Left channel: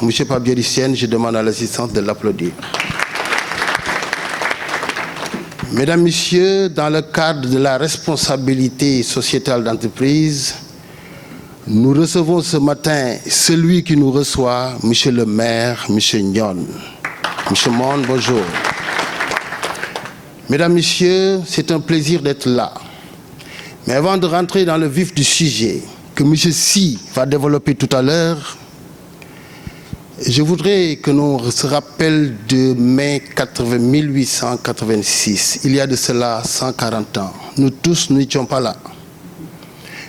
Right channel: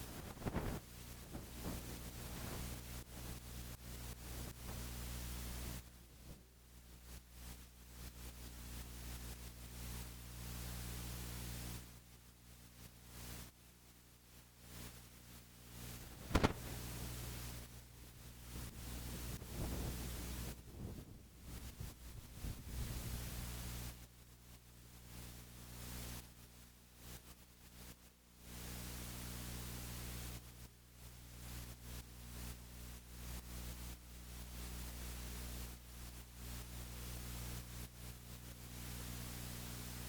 Monsieur Pabier-Lycien, je demande à l'assistance de l'applaudir. Mesdames, Messieurs, dans le cadre de la responsabilité sociétale d'entreprise, nous recevons ce matin celui qui nous reçoit, Monsieur le maire, Monsieur Nyon. Monsieur Monde, bonjour. Mesdames, Messieurs, c'est un plaisir d'être là. Mais avant de rentrer dans le vif du sujet que Monsieur Si va développer tout à l'heure, je voudrais que nous se rappelions de mai 1886. Il y a de cela 140 ans. Nous tous, nous n'étions pas là.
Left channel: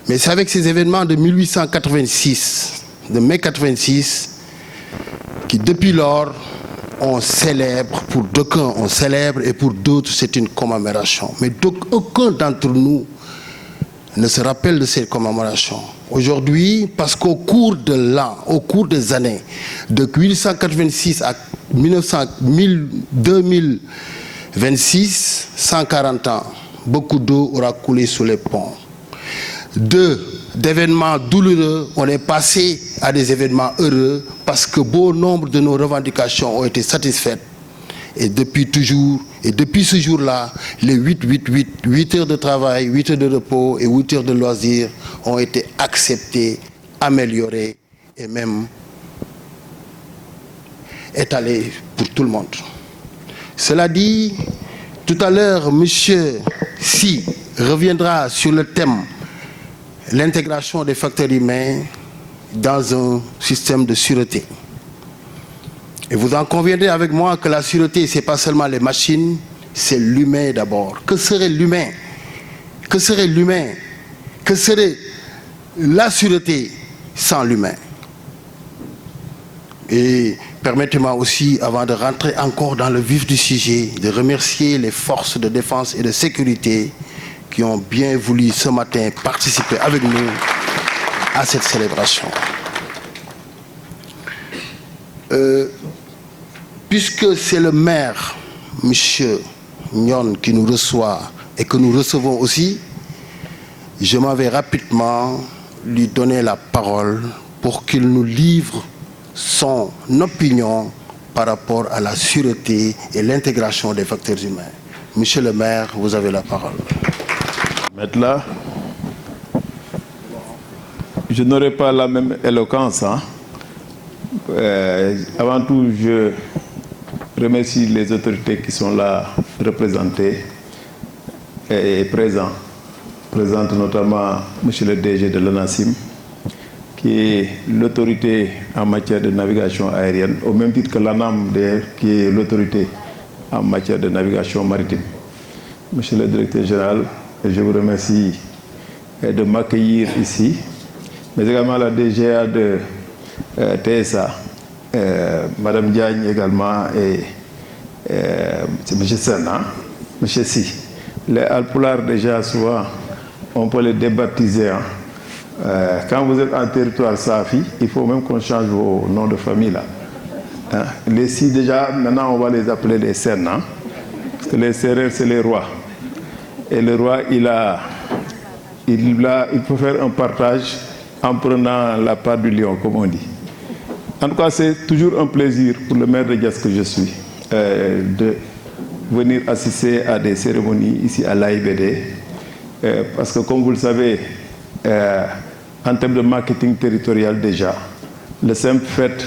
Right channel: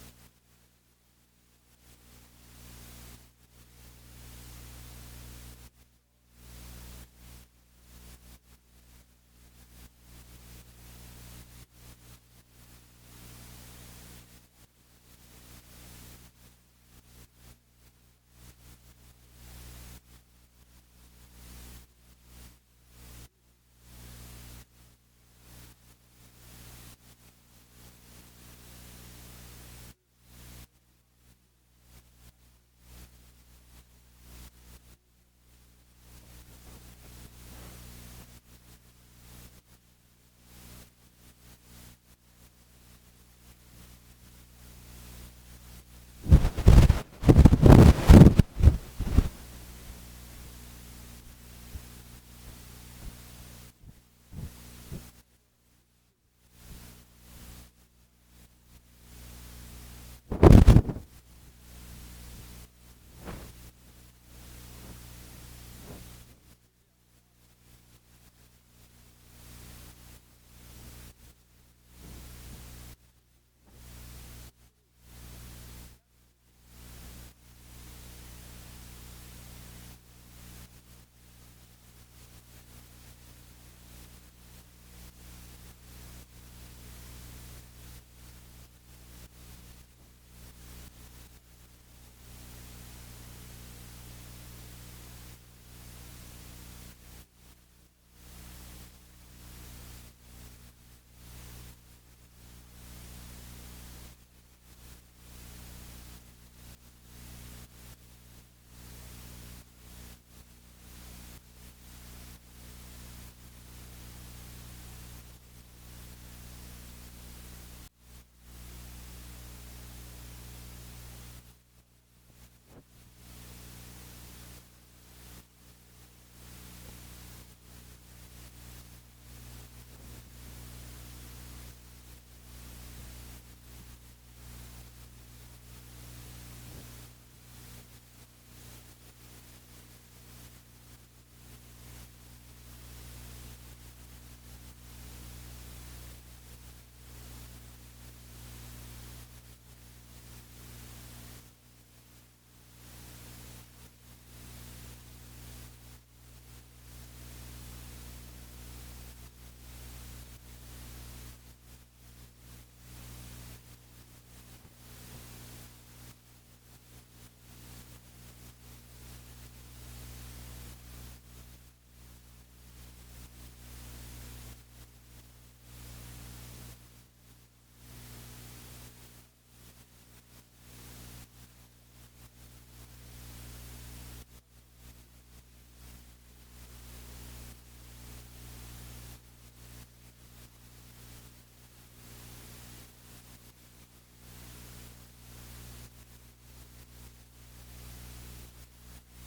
Mais c'est avec ces événements de 1886, de mai 86, qui depuis lors, on célèbre, pour d'aucuns on célèbre et pour d'autres c'est une commémoration. Mais aucun d'entre nous ne se rappelle de cette commémoration. Aujourd'hui, parce qu'au cours de l'an, au cours des années, de 1886 à 2026, 140 ans, beaucoup d'eau aura coulé sous les ponts. D'événements douloureux, on est passé à des événements heureux parce que bon nombre de nos revendications ont été satisfaites. Et depuis toujours, et depuis ce jour-là, les 8 heures de travail, 8 heures de repos et 8 heures de loisirs ont été acceptés, améliorés et même étalés pour tout le monde. Cela dit, tout à l'heure, Monsieur Si reviendra sur le thème l'intégration des facteurs humains dans un système de sûreté. Et vous en conviendrez avec moi que la sûreté, ce n'est pas seulement les machines, c'est l'humain d'abord. Que serait l'humain? Que serait l'humain? Que serait la sûreté sans l'humain? Et permettez-moi aussi, avant de rentrer encore dans le vif du sujet, de remercier les forces de défense et de sécurité qui ont bien voulu ce matin participer avec nous à cette célébration. Puisque c'est le maire, M. Nyon, qui nous reçoit et que nous recevons aussi, je m'en vais rapidement lui donner la parole pour qu'il nous livre son opinion par rapport à la sûreté et l'intégration des facteurs humains. Monsieur le maire, vous avez la parole. Là, je n'aurai pas la même éloquence. Avant tout, je remercie les autorités qui sont là représentées et présentes. Présente notamment M. le DG de l'ONASIM, qui est l'autorité en matière de navigation aérienne, au même titre que l'ANAM, qui est l'autorité en matière de navigation maritime. Monsieur le directeur général, je vous remercie de m'accueillir ici, mais également la DGA de TSA, Madame Diagne également, et c'est M. Sen, M. Si. Les Alpulaar, déjà, souvent, on peut les débaptiser. Quand vous êtes en territoire Safi, il faut même qu'on change vos noms de famille. Là. Les Si, déjà, maintenant, on va les appeler les Sen, parce que les Sérères, c'est les rois. Et le roi, il peut faire un partage en prenant la part du lion, comme on dit. En tout cas, c'est toujours un plaisir pour le maire de Diass que je suis de venir assister à des cérémonies ici à l'AIBD. Parce que, comme vous le savez, en termes de marketing territorial déjà, le simple fait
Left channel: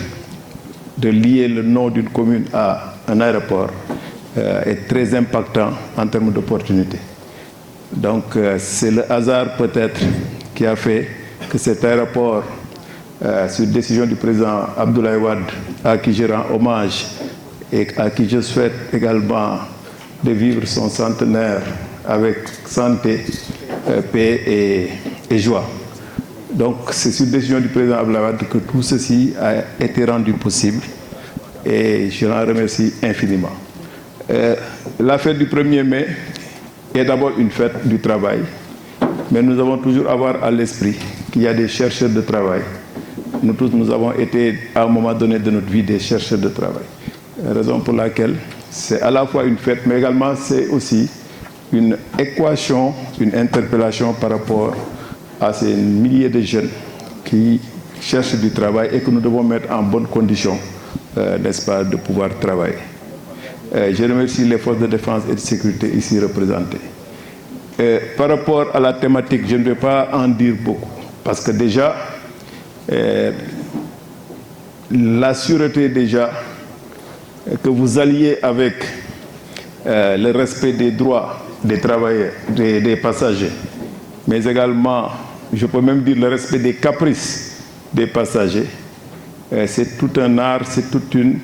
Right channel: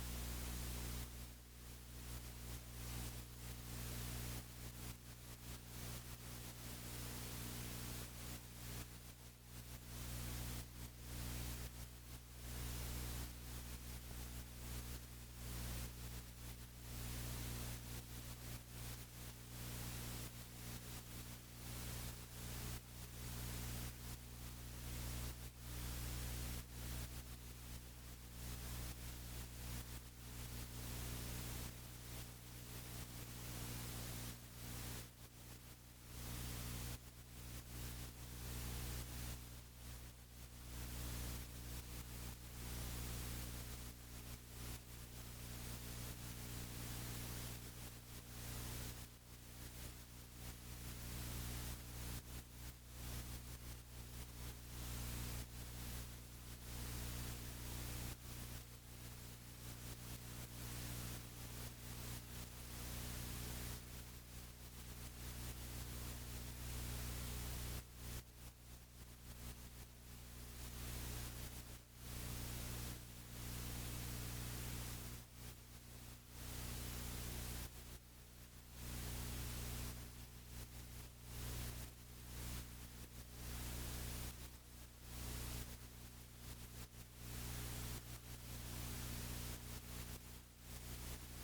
de lier le nom d'une commune à un aéroport est très impactant en termes d'opportunités. Donc, c'est le hasard peut-être qui a fait que cet aéroport, sur décision du président Abdoulaye Wade, à qui je rends hommage et à qui je souhaite également de vivre son centenaire avec santé, paix et joie. Donc, c'est sur décision du président Abdoulaye Wade que tout ceci a été rendu possible et je l'en remercie infiniment. La fête du 1er mai est d'abord une fête du travail, mais nous avons toujours à avoir à l'esprit qu'il y a des chercheurs de travail. Nous tous, nous avons été à un moment donné de notre vie des chercheurs de travail. Raison pour laquelle c'est à la fois une fête, mais également c'est aussi une équation, une interpellation par rapport à ces milliers de jeunes qui cherchent du travail et que nous devons mettre en bonnes conditions, n'est-ce pas, de pouvoir travailler. Je remercie les forces de défense et de sécurité ici représentées. Par rapport à la thématique, je ne vais pas en dire beaucoup, parce que déjà, la sûreté déjà, que vous alliez avec le respect des droits des travailleurs, des passagers, mais également, je peux même dire le respect des caprices des passagers, c'est tout un art, c'est toute une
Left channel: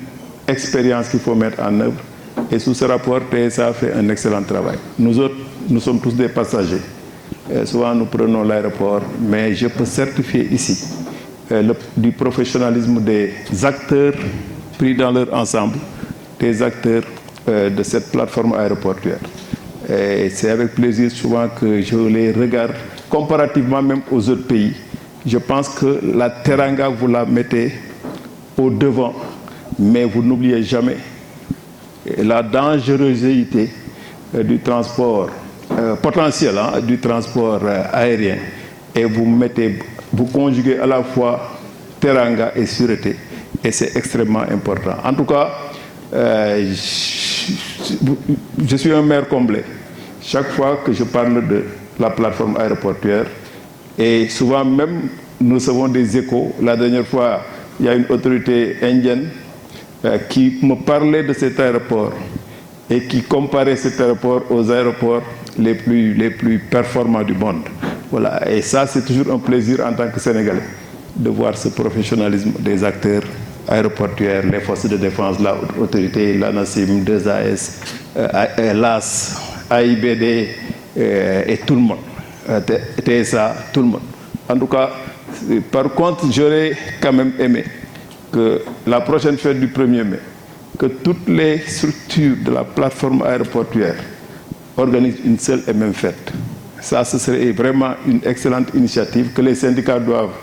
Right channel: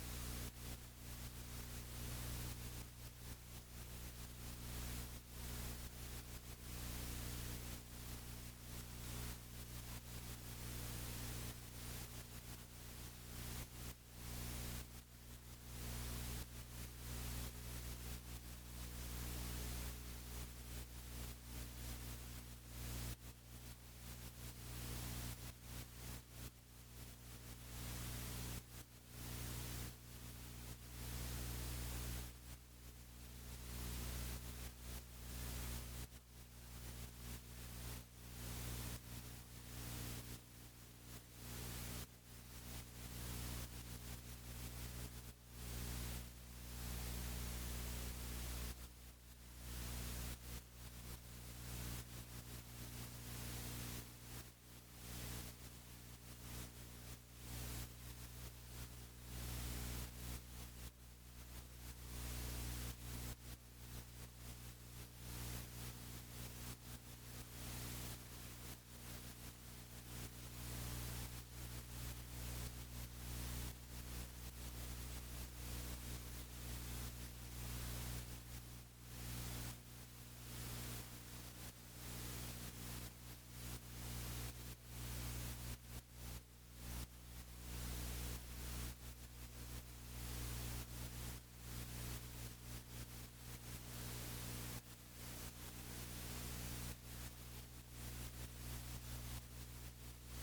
expérience qu'il faut mettre en œuvre. Et sous ce rapport, TSA a fait un excellent travail. Nous autres, nous sommes tous des passagers. Souvent, nous prenons l'aéroport, mais je peux certifier ici du professionnalisme des acteurs pris dans leur ensemble, des acteurs de cette plateforme aéroportuaire. Et c'est avec plaisir souvent que je les regarde, comparativement même aux autres pays. Je pense que la Teranga, vous la mettez au devant, mais vous n'oubliez jamais la dangerosité du transport potentiel, du transport aérien, et vous conjuguez à la fois Teranga et sûreté, et c'est extrêmement important. En tout cas, je suis un maire comblé. Chaque fois que je parle de la plateforme aéroportuaire, et souvent même nous recevons des échos. La dernière fois, il y a une autorité indienne qui me parlait de cet aéroport et qui comparait cet aéroport aux aéroports les plus performants du monde. Voilà. Et ça, c'est toujours un plaisir en tant que Sénégalais de voir ce professionnalisme des acteurs aéroportuaires, les forces de défense, l'autorité, l'ANACIM, 2AS, l'AS, AIBD et tout le monde, TSA, tout le monde. En tout cas, par contre, j'aurais quand même aimé que la prochaine fête du 1er mai, que toutes les structures de la plateforme aéroportuaire organisent une seule et même fête. Ça, ce serait vraiment une excellente initiative que les syndicats doivent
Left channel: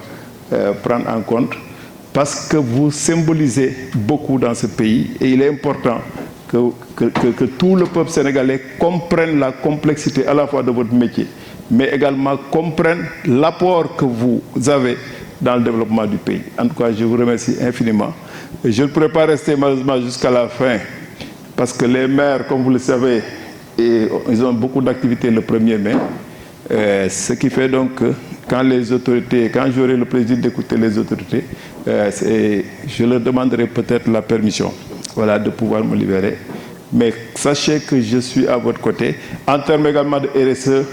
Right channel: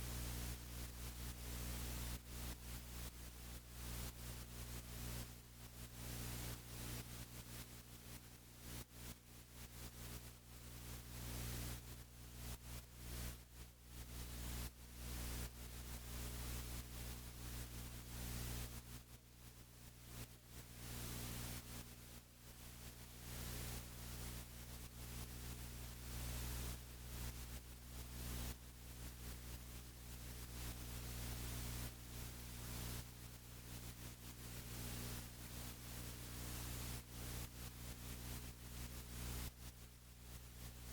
prendre en compte, parce que vous symbolisez beaucoup dans ce pays et il est important que tout le peuple sénégalais comprenne la complexité à la fois de votre métier, mais également comprenne l'apport que vous avez dans le développement du pays. En tout cas, je vous remercie infiniment. Je ne pourrai pas rester malheureusement jusqu'à la fin, parce que les maires, comme vous le savez, ils ont beaucoup d'activités le 1er mai. Ce qui fait donc que quand j'aurai le plaisir d'écouter les autorités, je leur demanderai peut-être la permission, voilà, de pouvoir me libérer. Mais sachez que je suis à votre côté. En termes également de RSE,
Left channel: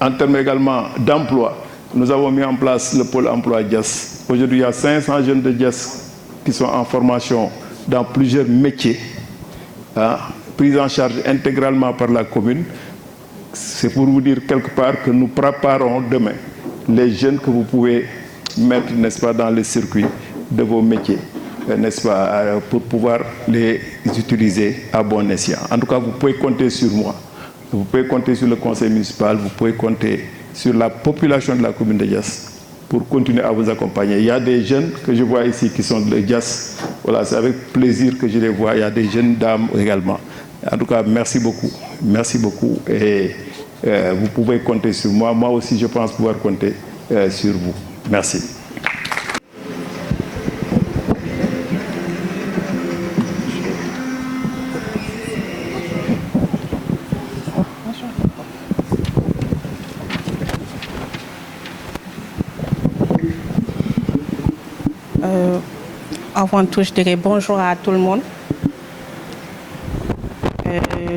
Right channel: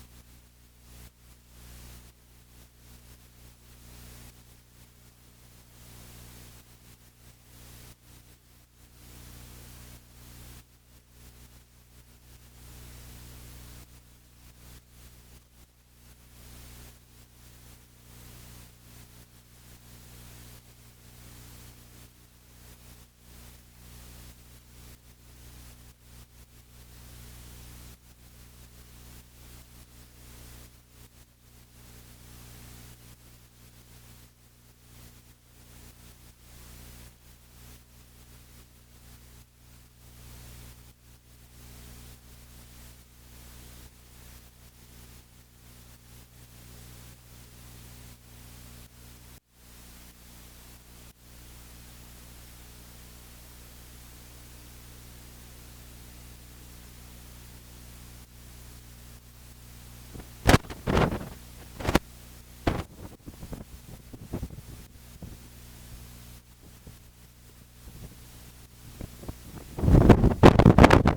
en termes également d'emploi, nous avons mis en place le pôle emploi Diass. Aujourd'hui, il y a 500 jeunes de Diass qui sont en formation dans plusieurs métiers, pris en charge intégralement par la commune. C'est pour vous dire quelque part que nous préparons demain les jeunes que vous pouvez mettre, n'est-ce pas, dans le circuit de vos métiers, n'est-ce pas, pour pouvoir les utiliser à bon escient. En tout cas, vous pouvez compter sur moi. Vous pouvez compter sur le conseil municipal, vous pouvez compter sur la population de la commune de Diass pour continuer à vous accompagner. Il y a des jeunes que je vois ici qui sont de Diass. Voilà, c'est avec plaisir que je les vois. Il y a des jeunes dames également. En tout cas, merci beaucoup. Merci beaucoup. Et vous pouvez compter sur moi. Moi aussi, je pense pouvoir compter sur vous. Merci. Avant tout, je dirais bonjour à tout le monde.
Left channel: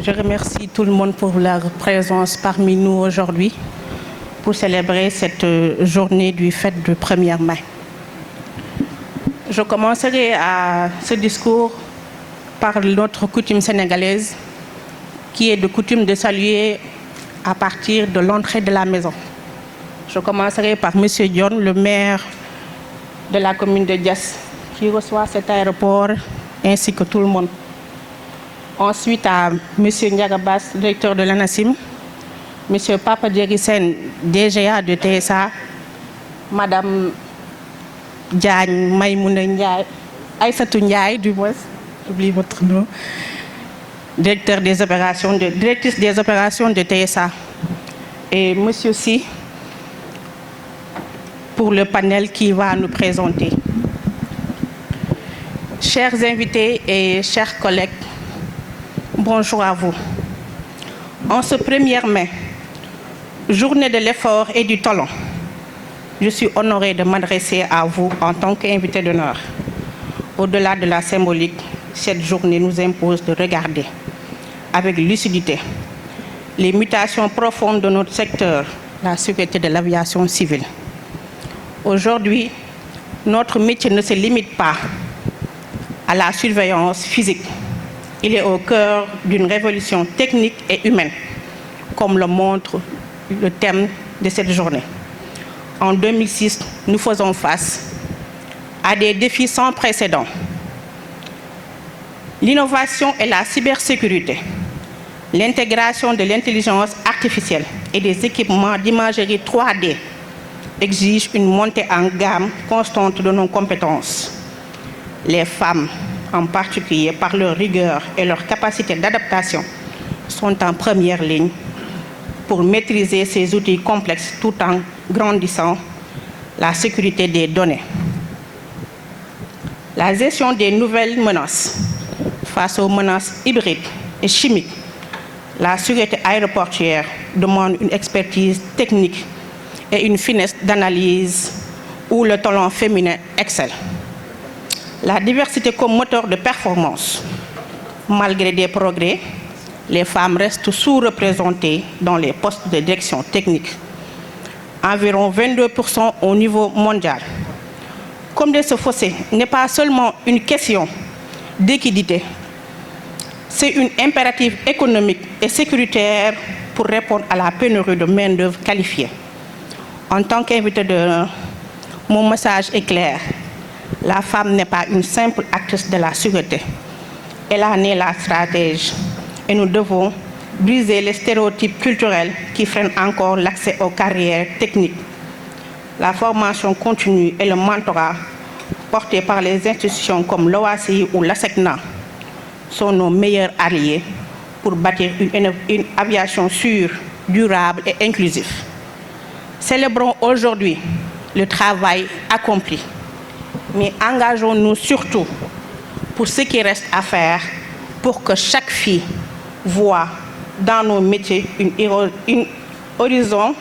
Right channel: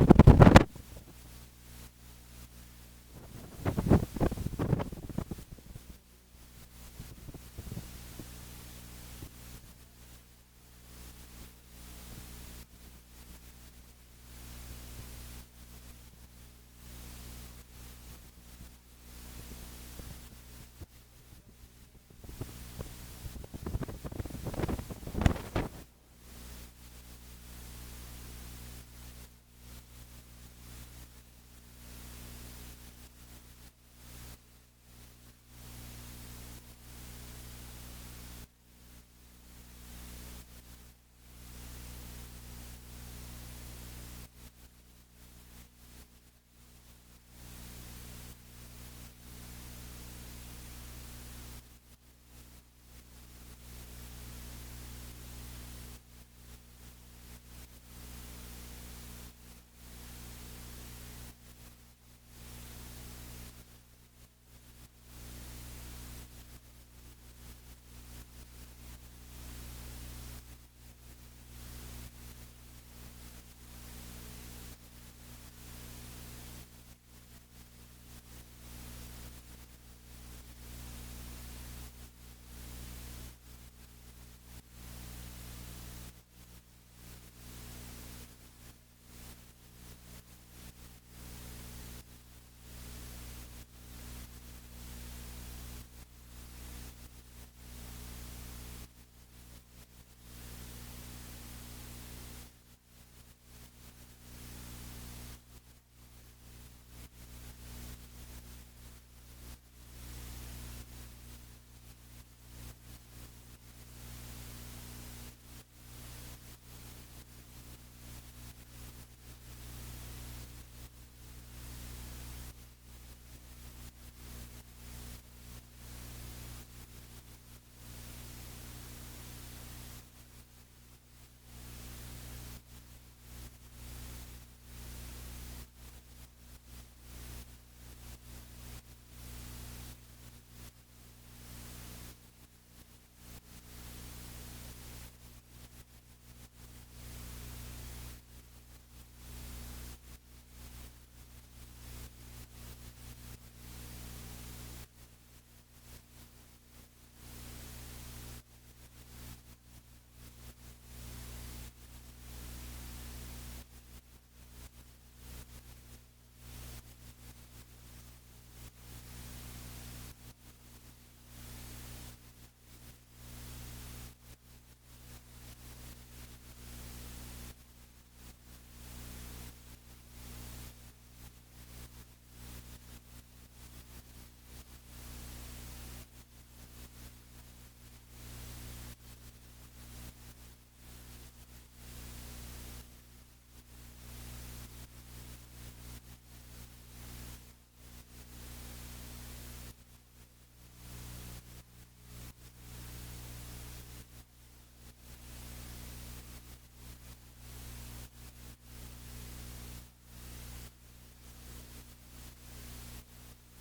Je remercie tout le monde pour leur présence parmi nous aujourd'hui pour célébrer cette journée du fête du 1er mai. Je commencerai ce discours par notre coutume sénégalaise, qui est de coutume de saluer à partir de l'entrée de la maison. Je commencerai par M. Dione, le maire de la commune de Diass, qui reçoit cet aéroport, ainsi que tout le monde. Ensuite, à M. Ndiagabas, directeur de l'ANACIM, M. Papa Djerisen, DGA de TSA, Mme Diagne Maïmouna Ndiaye, Aïssatou Ndiaye, du moins, j'oublie votre nom, directrice des opérations de TSA, et M. Si, pour le panel qui va nous présenter. Chers invités et chers collègues, bonjour à vous. En ce 1er mai, journée de l'effort et du talent, je suis honorée de m'adresser à vous en tant qu'invité d'honneur. Au-delà de la symbolique, cette journée nous impose de regarder avec lucidité les mutations profondes de notre secteur, la sécurité de l'aviation civile. Aujourd'hui, notre métier ne se limite pas à la surveillance physique. Il est au cœur d'une révolution technique et humaine, comme le montre le thème de cette journée. En 2006, nous faisons face à des défis sans précédent. L'innovation et la cybersécurité, l'intégration de l'intelligence artificielle et des équipements d'imagerie 3D exigent une montée en gamme constante de nos compétences. Les femmes, en particulier par leur rigueur et leur capacité d'adaptation, sont en première ligne pour maîtriser ces outils complexes tout en grandissant la sécurité des données. La gestion des nouvelles menaces face aux menaces hybrides et chimiques, la sécurité aéroportuaire demande une expertise technique et une finesse d'analyse où le talent féminin excelle. La diversité comme moteur de performance. Malgré des progrès, les femmes restent sous-représentées dans les postes de direction technique, environ 22% au niveau mondial. Combler ce fossé n'est pas seulement une question d'équité, c'est une impératif économique et sécuritaire pour répondre à la pénurie de main-d'œuvre qualifiée. En tant qu'invité mon message est clair. La femme n'est pas une simple actrice de la sécurité. Elle en est la stratège. Et nous devons briser les stéréotypes culturels qui freinent encore l'accès aux carrières techniques. La formation continue et le mentorat portés par les institutions comme l'OACI ou l'ASECNA sont nos meilleurs alliés pour bâtir une aviation sûre, durable et inclusive. Célébrons aujourd'hui le travail accompli, mais engageons-nous surtout pour ce qui reste à faire pour que chaque fille voit dans nos métiers un horizon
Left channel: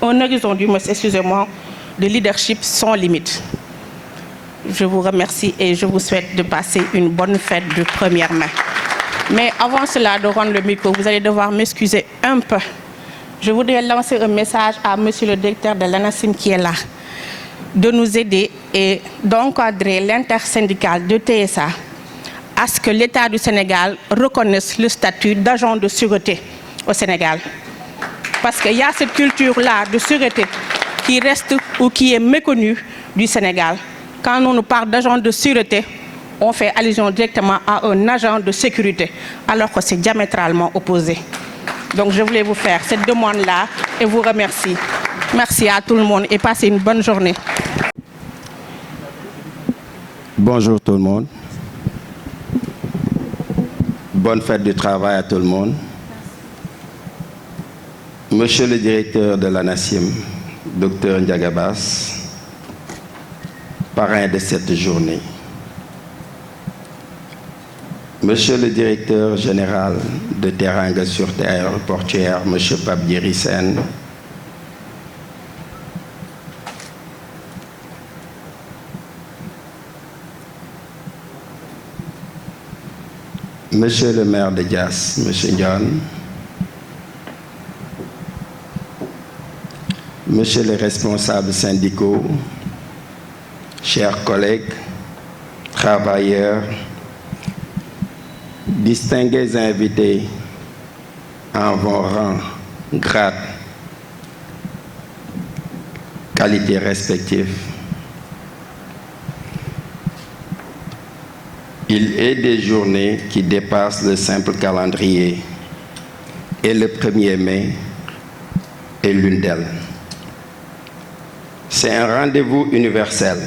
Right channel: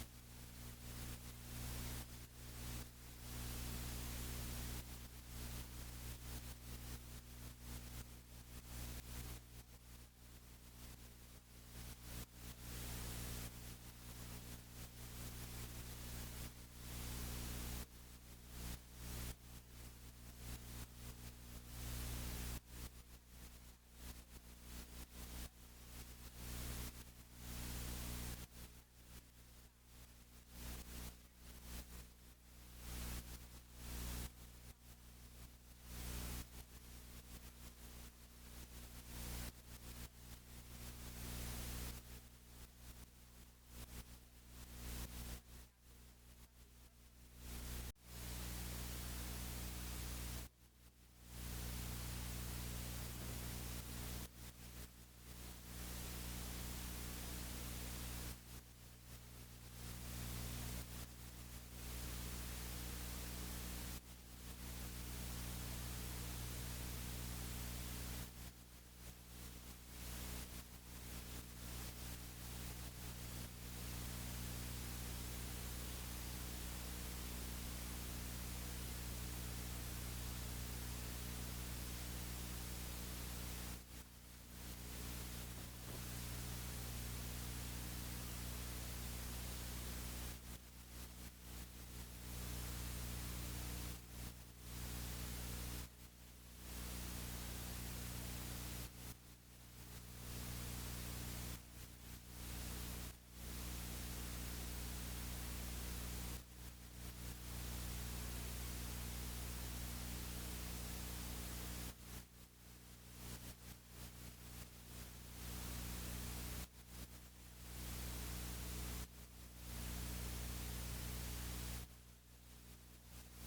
de leadership sans limite. Je vous remercie et je vous souhaite de passer une bonne fête de 1er mai. Mais avant cela, de rendre le micro, vous allez devoir m'excuser un peu. Je voudrais lancer un message à monsieur le directeur de l'ANACIM qui est là, de nous aider et d'encadrer l'intersyndicale de TSA à ce que l'État du Sénégal reconnaisse le statut d'agent de sûreté au Sénégal. Parce qu'il y a cette culture-là de sûreté qui reste ou qui est méconnue du Sénégal. Quand on nous parle d'agent de sûreté, on fait allusion directement à un agent de sécurité, alors que c'est diamétralement opposé. Donc je voulais vous faire cette demande-là et vous remercie. Merci à tout le monde et passez une bonne journée. Bonjour tout le monde. Bonne fête du travail à tout le monde. Monsieur le directeur de l'ANACIM, Dr Ndiagabas, parrain de cette journée. Monsieur le directeur général de Teranga Sûreté Aéroportuaire, monsieur Pape Djibril Sène, monsieur le maire de Diass, monsieur Ndione, monsieur les responsables syndicaux, chers collègues, travailleurs, distingués invités en vos rangs, grades, qualités respectives. Il est des journées qui dépassent le simple calendrier et le 1er mai est l'une d'elles. C'est un rendez-vous universel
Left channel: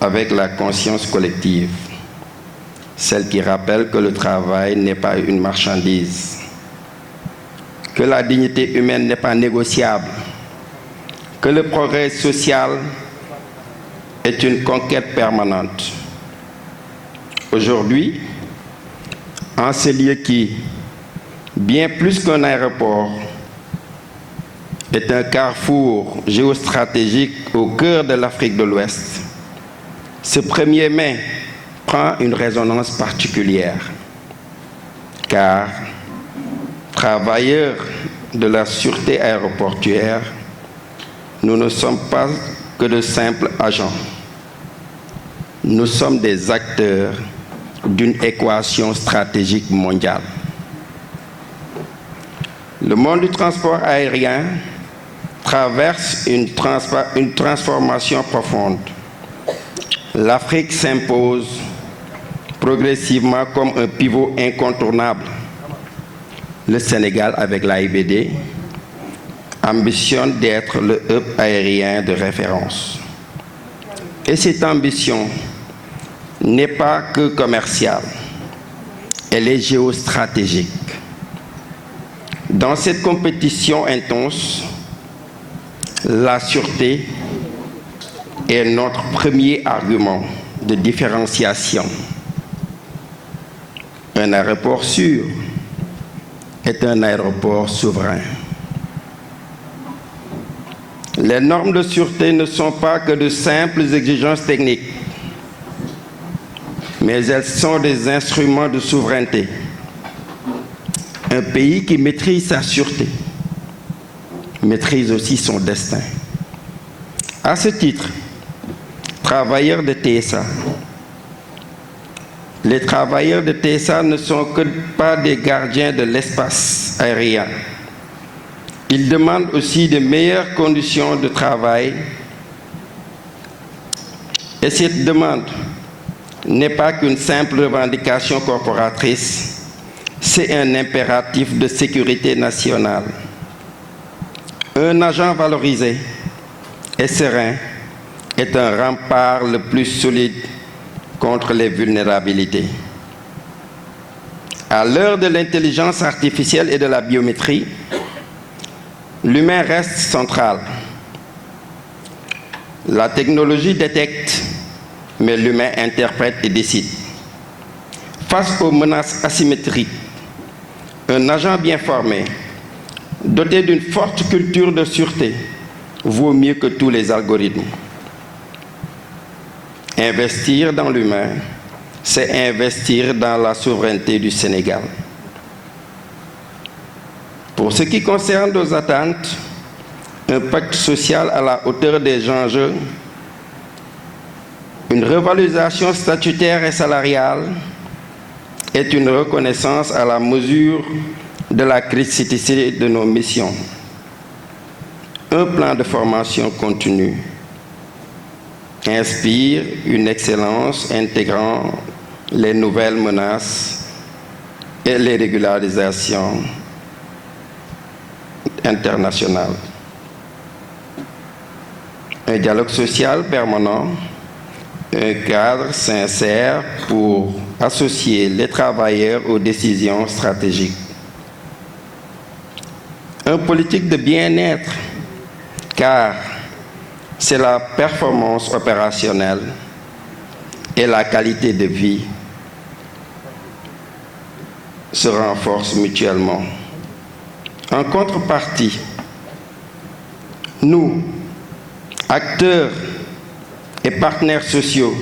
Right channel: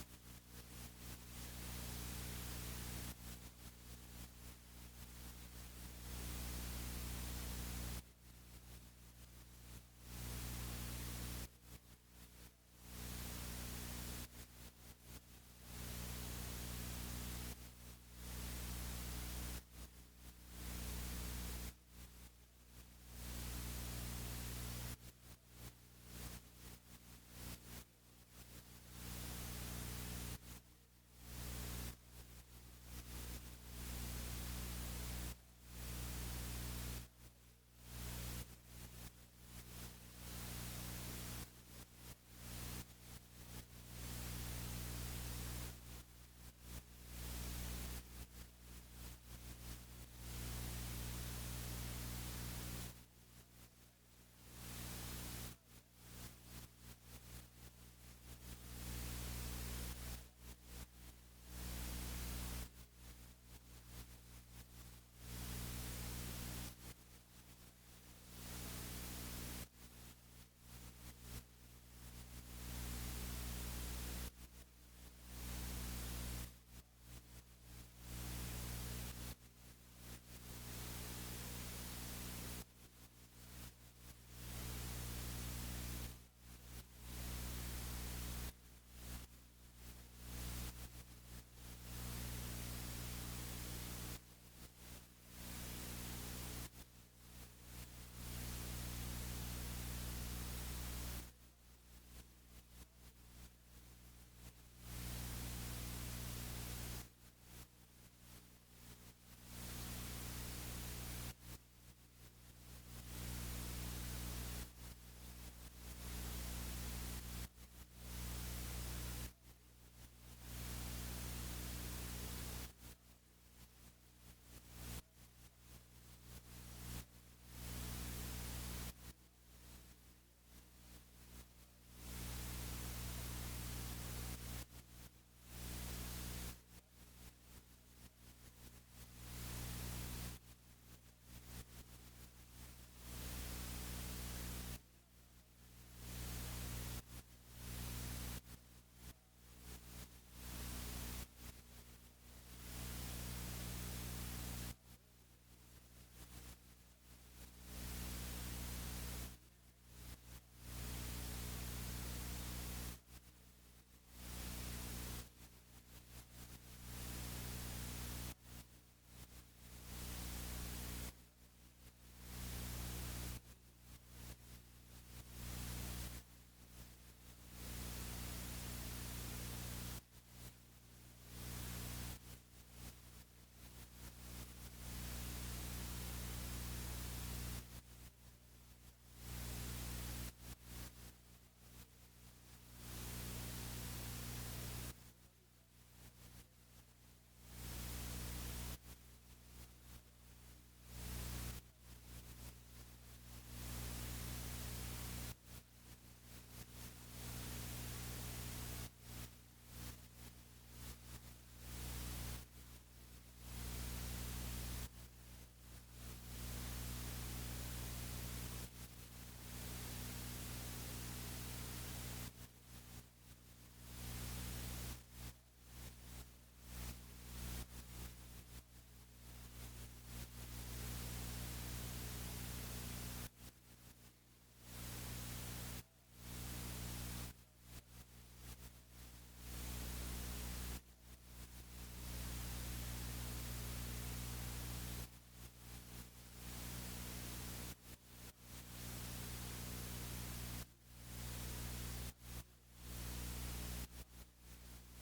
avec la conscience collective, celle qui rappelle que le travail n'est pas une marchandise, que la dignité humaine n'est pas négociable, que le progrès social est une conquête permanente. Aujourd'hui, en ce lieu qui, bien plus qu'un aéroport, est un carrefour géostratégique au cœur de l'Afrique de l'Ouest, ce 1er mai prend une résonance particulière, car travailleurs de la sûreté aéroportuaire, nous ne sommes pas que de simples agents. Nous sommes des acteurs d'une équation stratégique mondiale. Le monde du transport aérien traverse une transformation profonde. L'Afrique s'impose progressivement comme un pivot incontournable. Le Sénégal, avec l'AIBD, ambitionne d'être le hub aérien de référence. Et cette ambition n'est pas que commerciale, elle est géostratégique. Dans cette compétition intense, la sûreté est notre premier argument de différenciation. Un aéroport sûr est un aéroport souverain. Les normes de sûreté ne sont pas que de simples exigences techniques, mais elles sont des instruments de souveraineté. Un pays qui maîtrise sa sûreté maîtrise aussi son destin. À ce titre, travailleurs de TSA, les travailleurs de TSA ne sont que pas des gardiens de l'espace aérien. Ils demandent aussi de meilleures conditions de travail. Et cette demande n'est pas qu'une simple revendication corporatrice, c'est un impératif de sécurité nationale. Un agent valorisé et serein est un rempart le plus solide contre les vulnérabilités. À l'heure de l'intelligence artificielle et de la biométrie, l'humain reste central. La technologie détecte, mais l'humain interprète et décide. Face aux menaces asymétriques, un agent bien formé, doté d'une forte culture de sûreté, vaut mieux que tous les algorithmes. Investir dans l'humain, c'est investir dans la souveraineté du Sénégal. Pour ce qui concerne nos attentes, un pacte social à la hauteur des enjeux, une revalorisation statutaire et salariale est une reconnaissance à la mesure de la criticité de nos missions. Un plan de formation continue inspire une excellence intégrant les nouvelles menaces et les régularisations internationales. Un dialogue social permanent, un cadre sincère pour associer les travailleurs aux décisions stratégiques. Une politique de bien-être, car c'est la performance opérationnelle et la qualité de vie se renforcent mutuellement. En contrepartie, nous, acteurs et partenaires sociaux,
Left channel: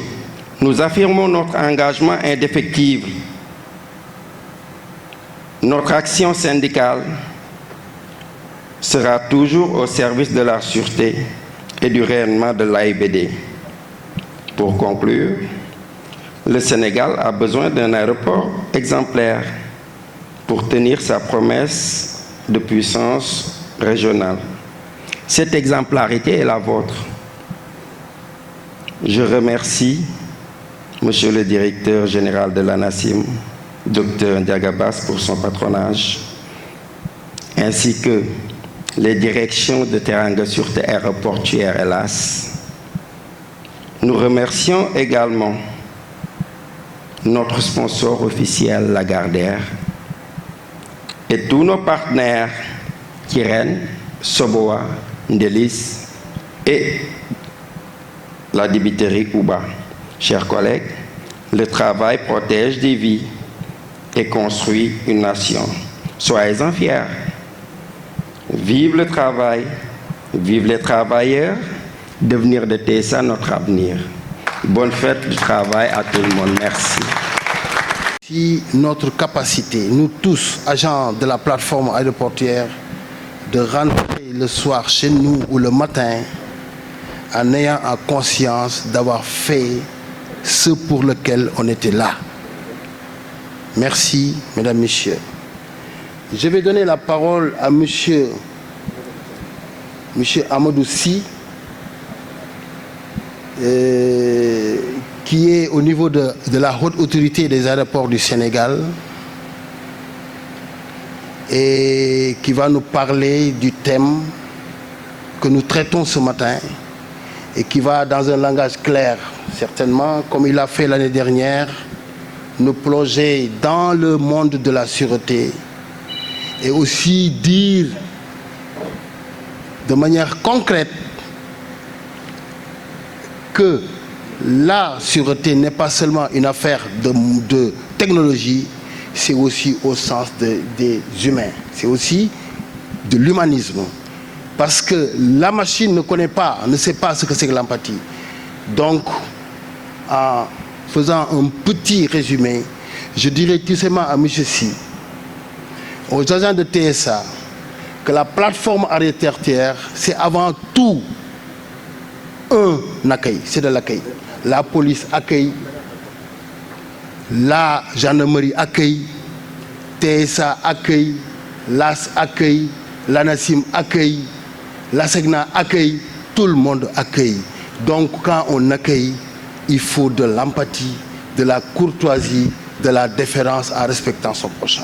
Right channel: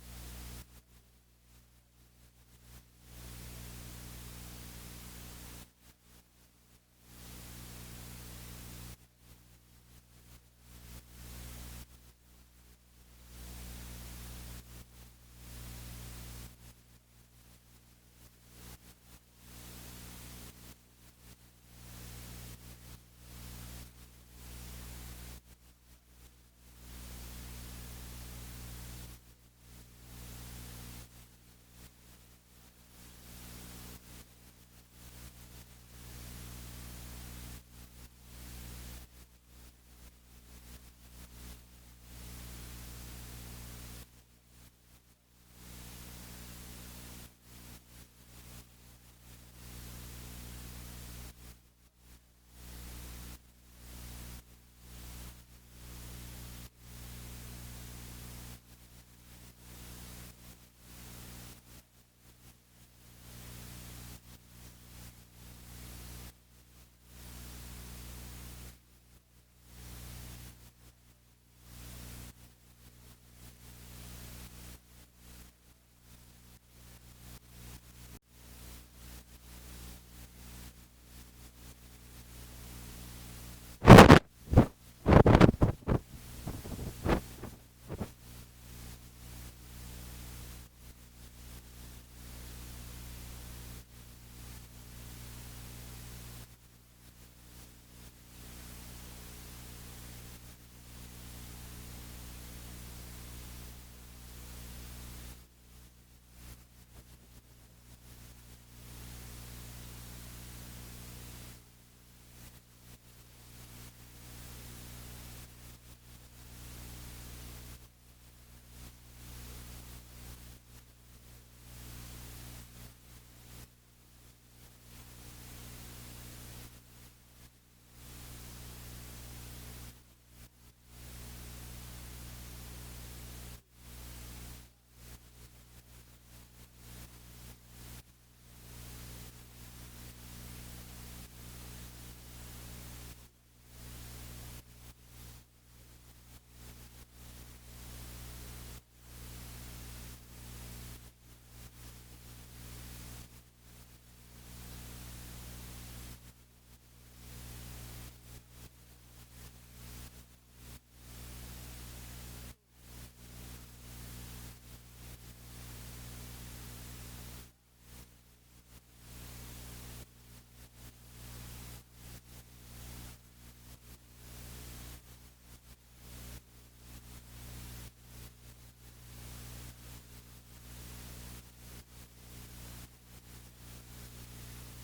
nous affirmons notre engagement indéfectible. Notre action syndicale sera toujours au service de la sûreté et du rayonnement de l'AIBD. Pour conclure, le Sénégal a besoin d'un aéroport exemplaire pour tenir sa promesse de puissance régionale. Cette exemplarité est la vôtre. Je remercie Monsieur le directeur général de l'ANACIM, Dr Ndiaga Basse, pour son patronage, ainsi que les directions de Teranga Sûreté Aéroportuaire, hélas. Nous remercions également notre sponsor officiel, Lagardère, et tous nos partenaires, Kiren, Soboa, Ndelis, et la dibiterie Ouba. Chers collègues, le travail protège des vies et construit une nation. Soyez-en fiers. Vive le travail, vive les travailleurs, devenir de TSA notre avenir. Bonne fête du travail à tout le monde. Merci. Si notre capacité, nous tous, agents de la plateforme aéroportuaire, de rentrer le soir chez nous ou le matin en ayant en conscience d'avoir fait ce pour lequel on était là. Merci, mesdames, messieurs. Je vais donner la parole à monsieur Amadou Sy, qui est au niveau de la haute autorité des aéroports du Sénégal et qui va nous parler du thème que nous traitons ce matin et qui va, dans un langage clair, certainement, comme il a fait l'année dernière, nous plonger dans le monde de la sûreté et aussi dire de manière concrète que la sûreté n'est pas seulement une affaire de technologie, c'est aussi au sens des humains, c'est aussi de l'humanisme. Parce que la machine ne sait pas ce que c'est que l'empathie. Donc, en faisant un petit résumé, je dirais tout simplement à M. Sy, aux agents de TSA, que la plateforme aéroportuaire, c'est avant tout un accueil, c'est de l'accueil. La police accueille, la gendarmerie accueille, TSA accueille, l'AS accueille, l'ANACIM accueille, l'ASECNA accueille, tout le monde accueille. Donc quand on accueille, il faut de l'empathie, de la courtoisie, de la déférence en respectant son prochain.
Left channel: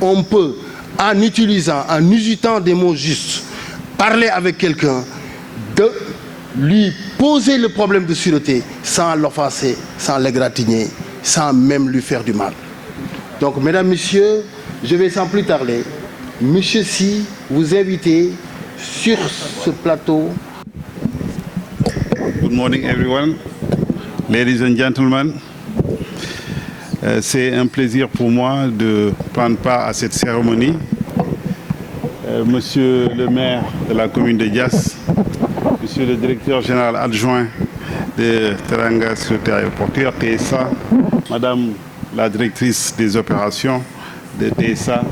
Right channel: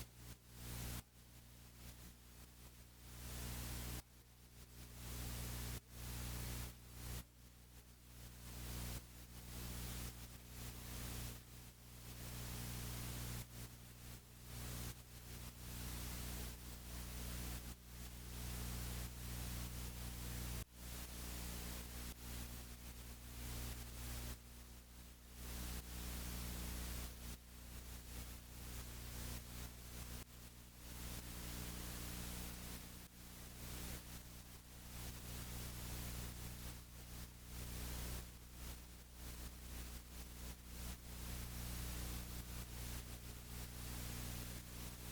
On peut, en usitant des mots justes, parler avec quelqu'un, de lui poser le problème de sûreté sans l'offenser, sans l'égratigner, sans même lui faire du mal. Donc, mesdames, messieurs, je vais sans plus tarder, monsieur Sy, vous inviter sur ce plateau. Good morning, everyone. Ladies and gentlemen, c'est un plaisir pour moi de prendre part à cette cérémonie. Monsieur le maire de la commune de Diass, monsieur le directeur général adjoint de Teranga Sûreté Aéroportuaire, TSA, madame la directrice des opérations de TSA,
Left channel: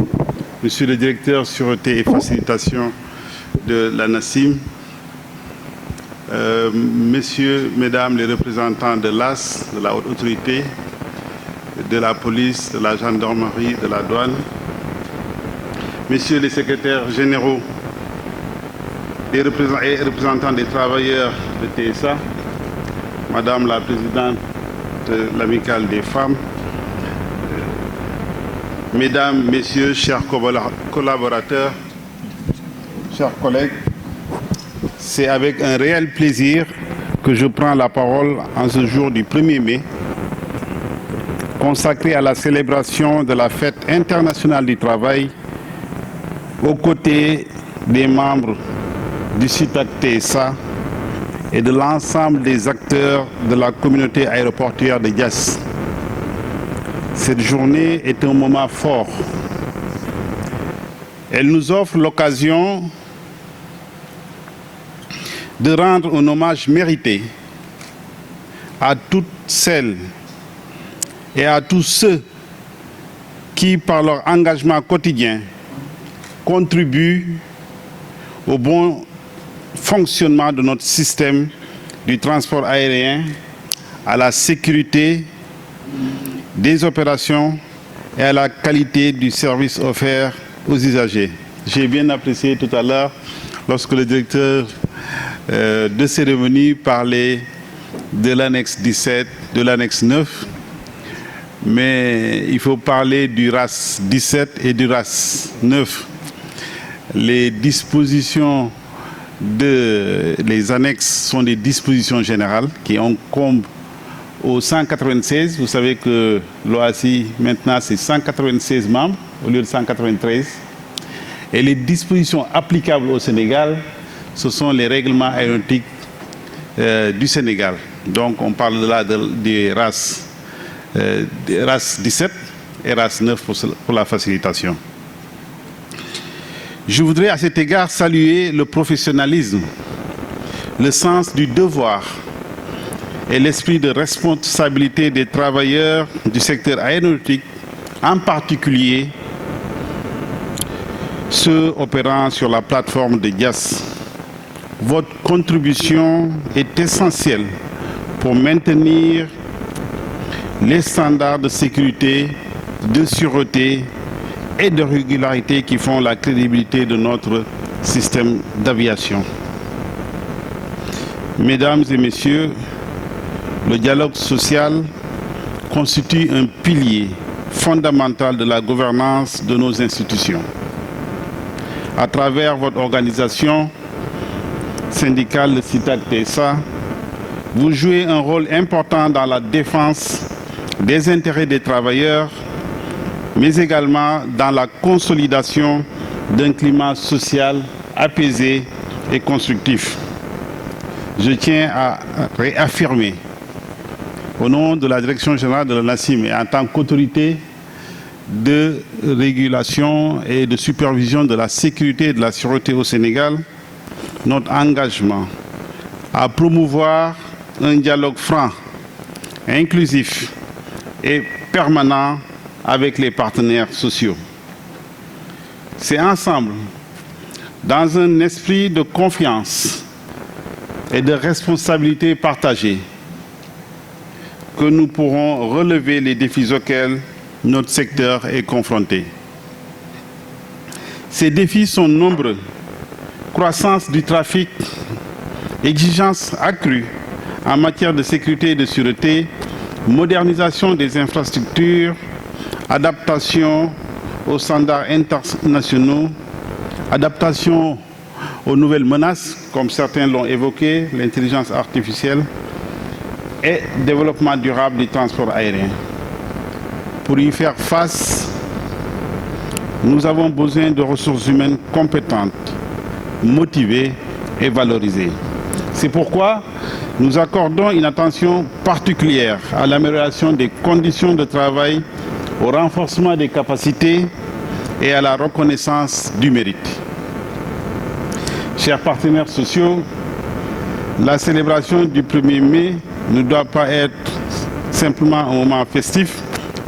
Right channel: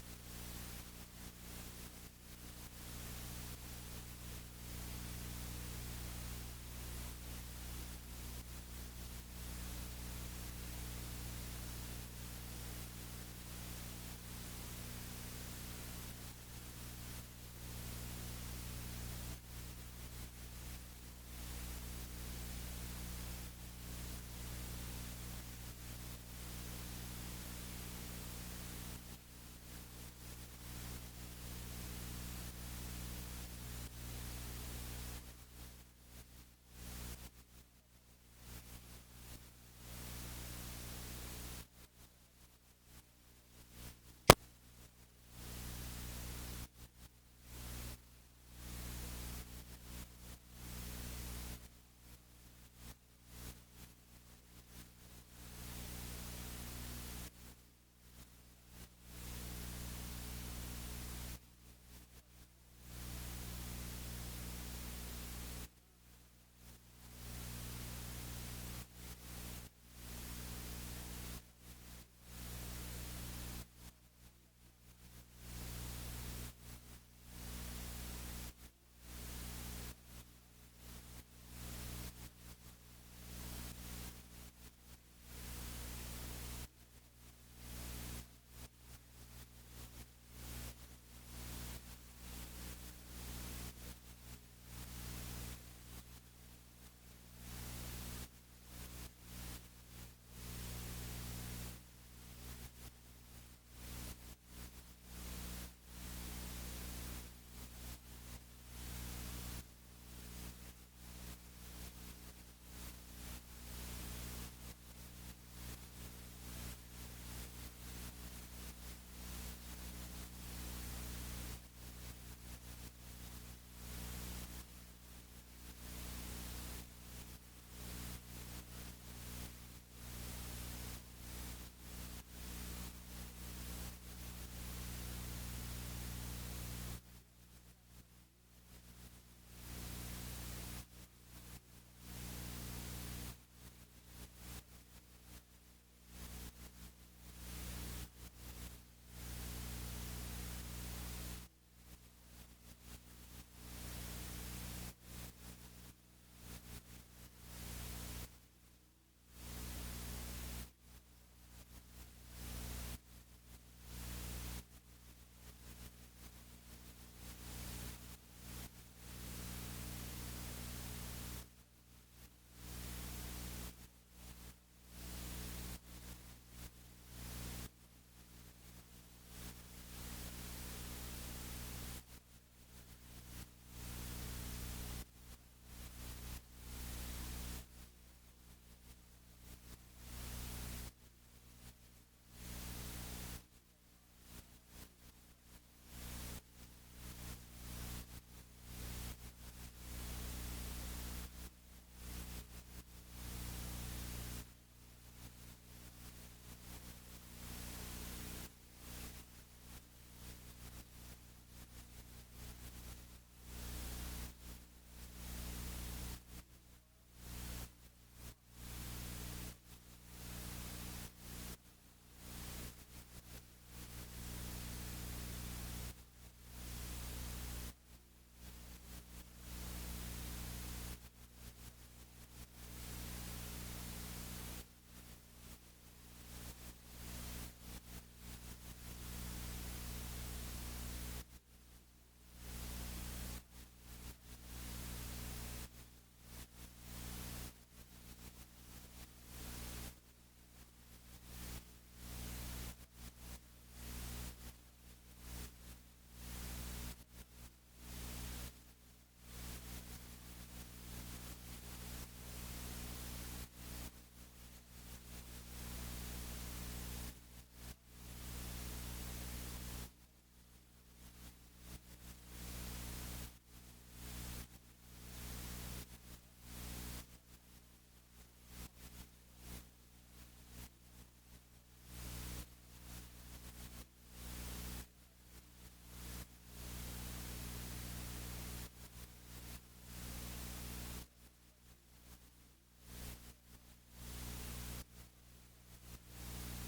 monsieur le directeur sûreté et facilitation de l'ANACIM, messieurs, mesdames les représentants de l'AS, de la haute autorité, de la police, de la gendarmerie, de la douane, messieurs les secrétaires généraux et représentants des travailleurs de TSA, madame la présidente de l'amicale des femmes, mesdames, messieurs, chers collaborateurs, chers collègues, c'est avec un réel plaisir que je prends la parole en ce jour du 1er mai, consacré à la célébration de la fête internationale du travail, aux côtés des membres du CITAC TSA et de l'ensemble des acteurs de la communauté aéroportuaire de Diass. Cette journée est un moment fort. Elle nous offre l'occasion de rendre un hommage mérité à toutes celles et à tous ceux qui, par leur engagement quotidien, contribuent au bon fonctionnement de notre système du transport aérien, à la sécurité des opérations et à la qualité du service offert aux usagers. J'ai bien apprécié tout à l'heure lorsque le directeur de cérémonie parlait de l'annexe 17, de l'annexe 9, mais il faut parler du RAS 17 et du RAS 9. Les dispositions les annexes sont des dispositions générales qui incombent au 196. Vous savez que l'OACI, maintenant, c'est 196 membres au lieu de 193. Et les dispositions applicables au Sénégal ce sont les règlements aéronautiques du Sénégal. Donc on parle là des RAS 17 et RAS 9 pour la facilitation. Je voudrais à cet égard saluer le professionnalisme, le sens du devoir et l'esprit de responsabilité des travailleurs du secteur aéronautique, en particulier ceux opérant sur la plateforme de Dias. Votre contribution est essentielle pour maintenir les standards de sécurité, de sûreté et de régularité qui font la crédibilité de notre système d'aviation. Mesdames et messieurs, le dialogue social constitue un pilier fondamental de la gouvernance de nos institutions. À travers votre organisation syndicale, le CITAC-TSA, vous jouez un rôle important dans la défense des intérêts des travailleurs, mais également dans la consolidation d'un climat social apaisé et constructif. Je tiens à réaffirmer, au nom de la Direction générale de l'ANACIM et en tant qu'autorité de régulation et de supervision de la sécurité et de la sûreté au Sénégal, notre engagement à promouvoir un dialogue franc, inclusif et permanent avec les partenaires sociaux. C'est ensemble, dans un esprit de confiance et de responsabilité partagée, que nous pourrons relever les défis auxquels notre secteur est confronté. Ces défis sont nombreux. Croissance du trafic, exigences accrues en matière de sécurité et de sûreté, modernisation des infrastructures, adaptation aux standards internationaux, adaptation aux nouvelles menaces, comme certains l'ont évoqué, l'intelligence artificielle, et développement durable du transport aérien. Pour y faire face, nous avons besoin de ressources humaines compétentes, motivées et valorisées. C'est pourquoi nous accordons une attention particulière à l'amélioration des conditions de travail, au renforcement des capacités et à la reconnaissance du mérite. Chers partenaires sociaux, la célébration du 1er mai ne doit pas être simplement un moment festif,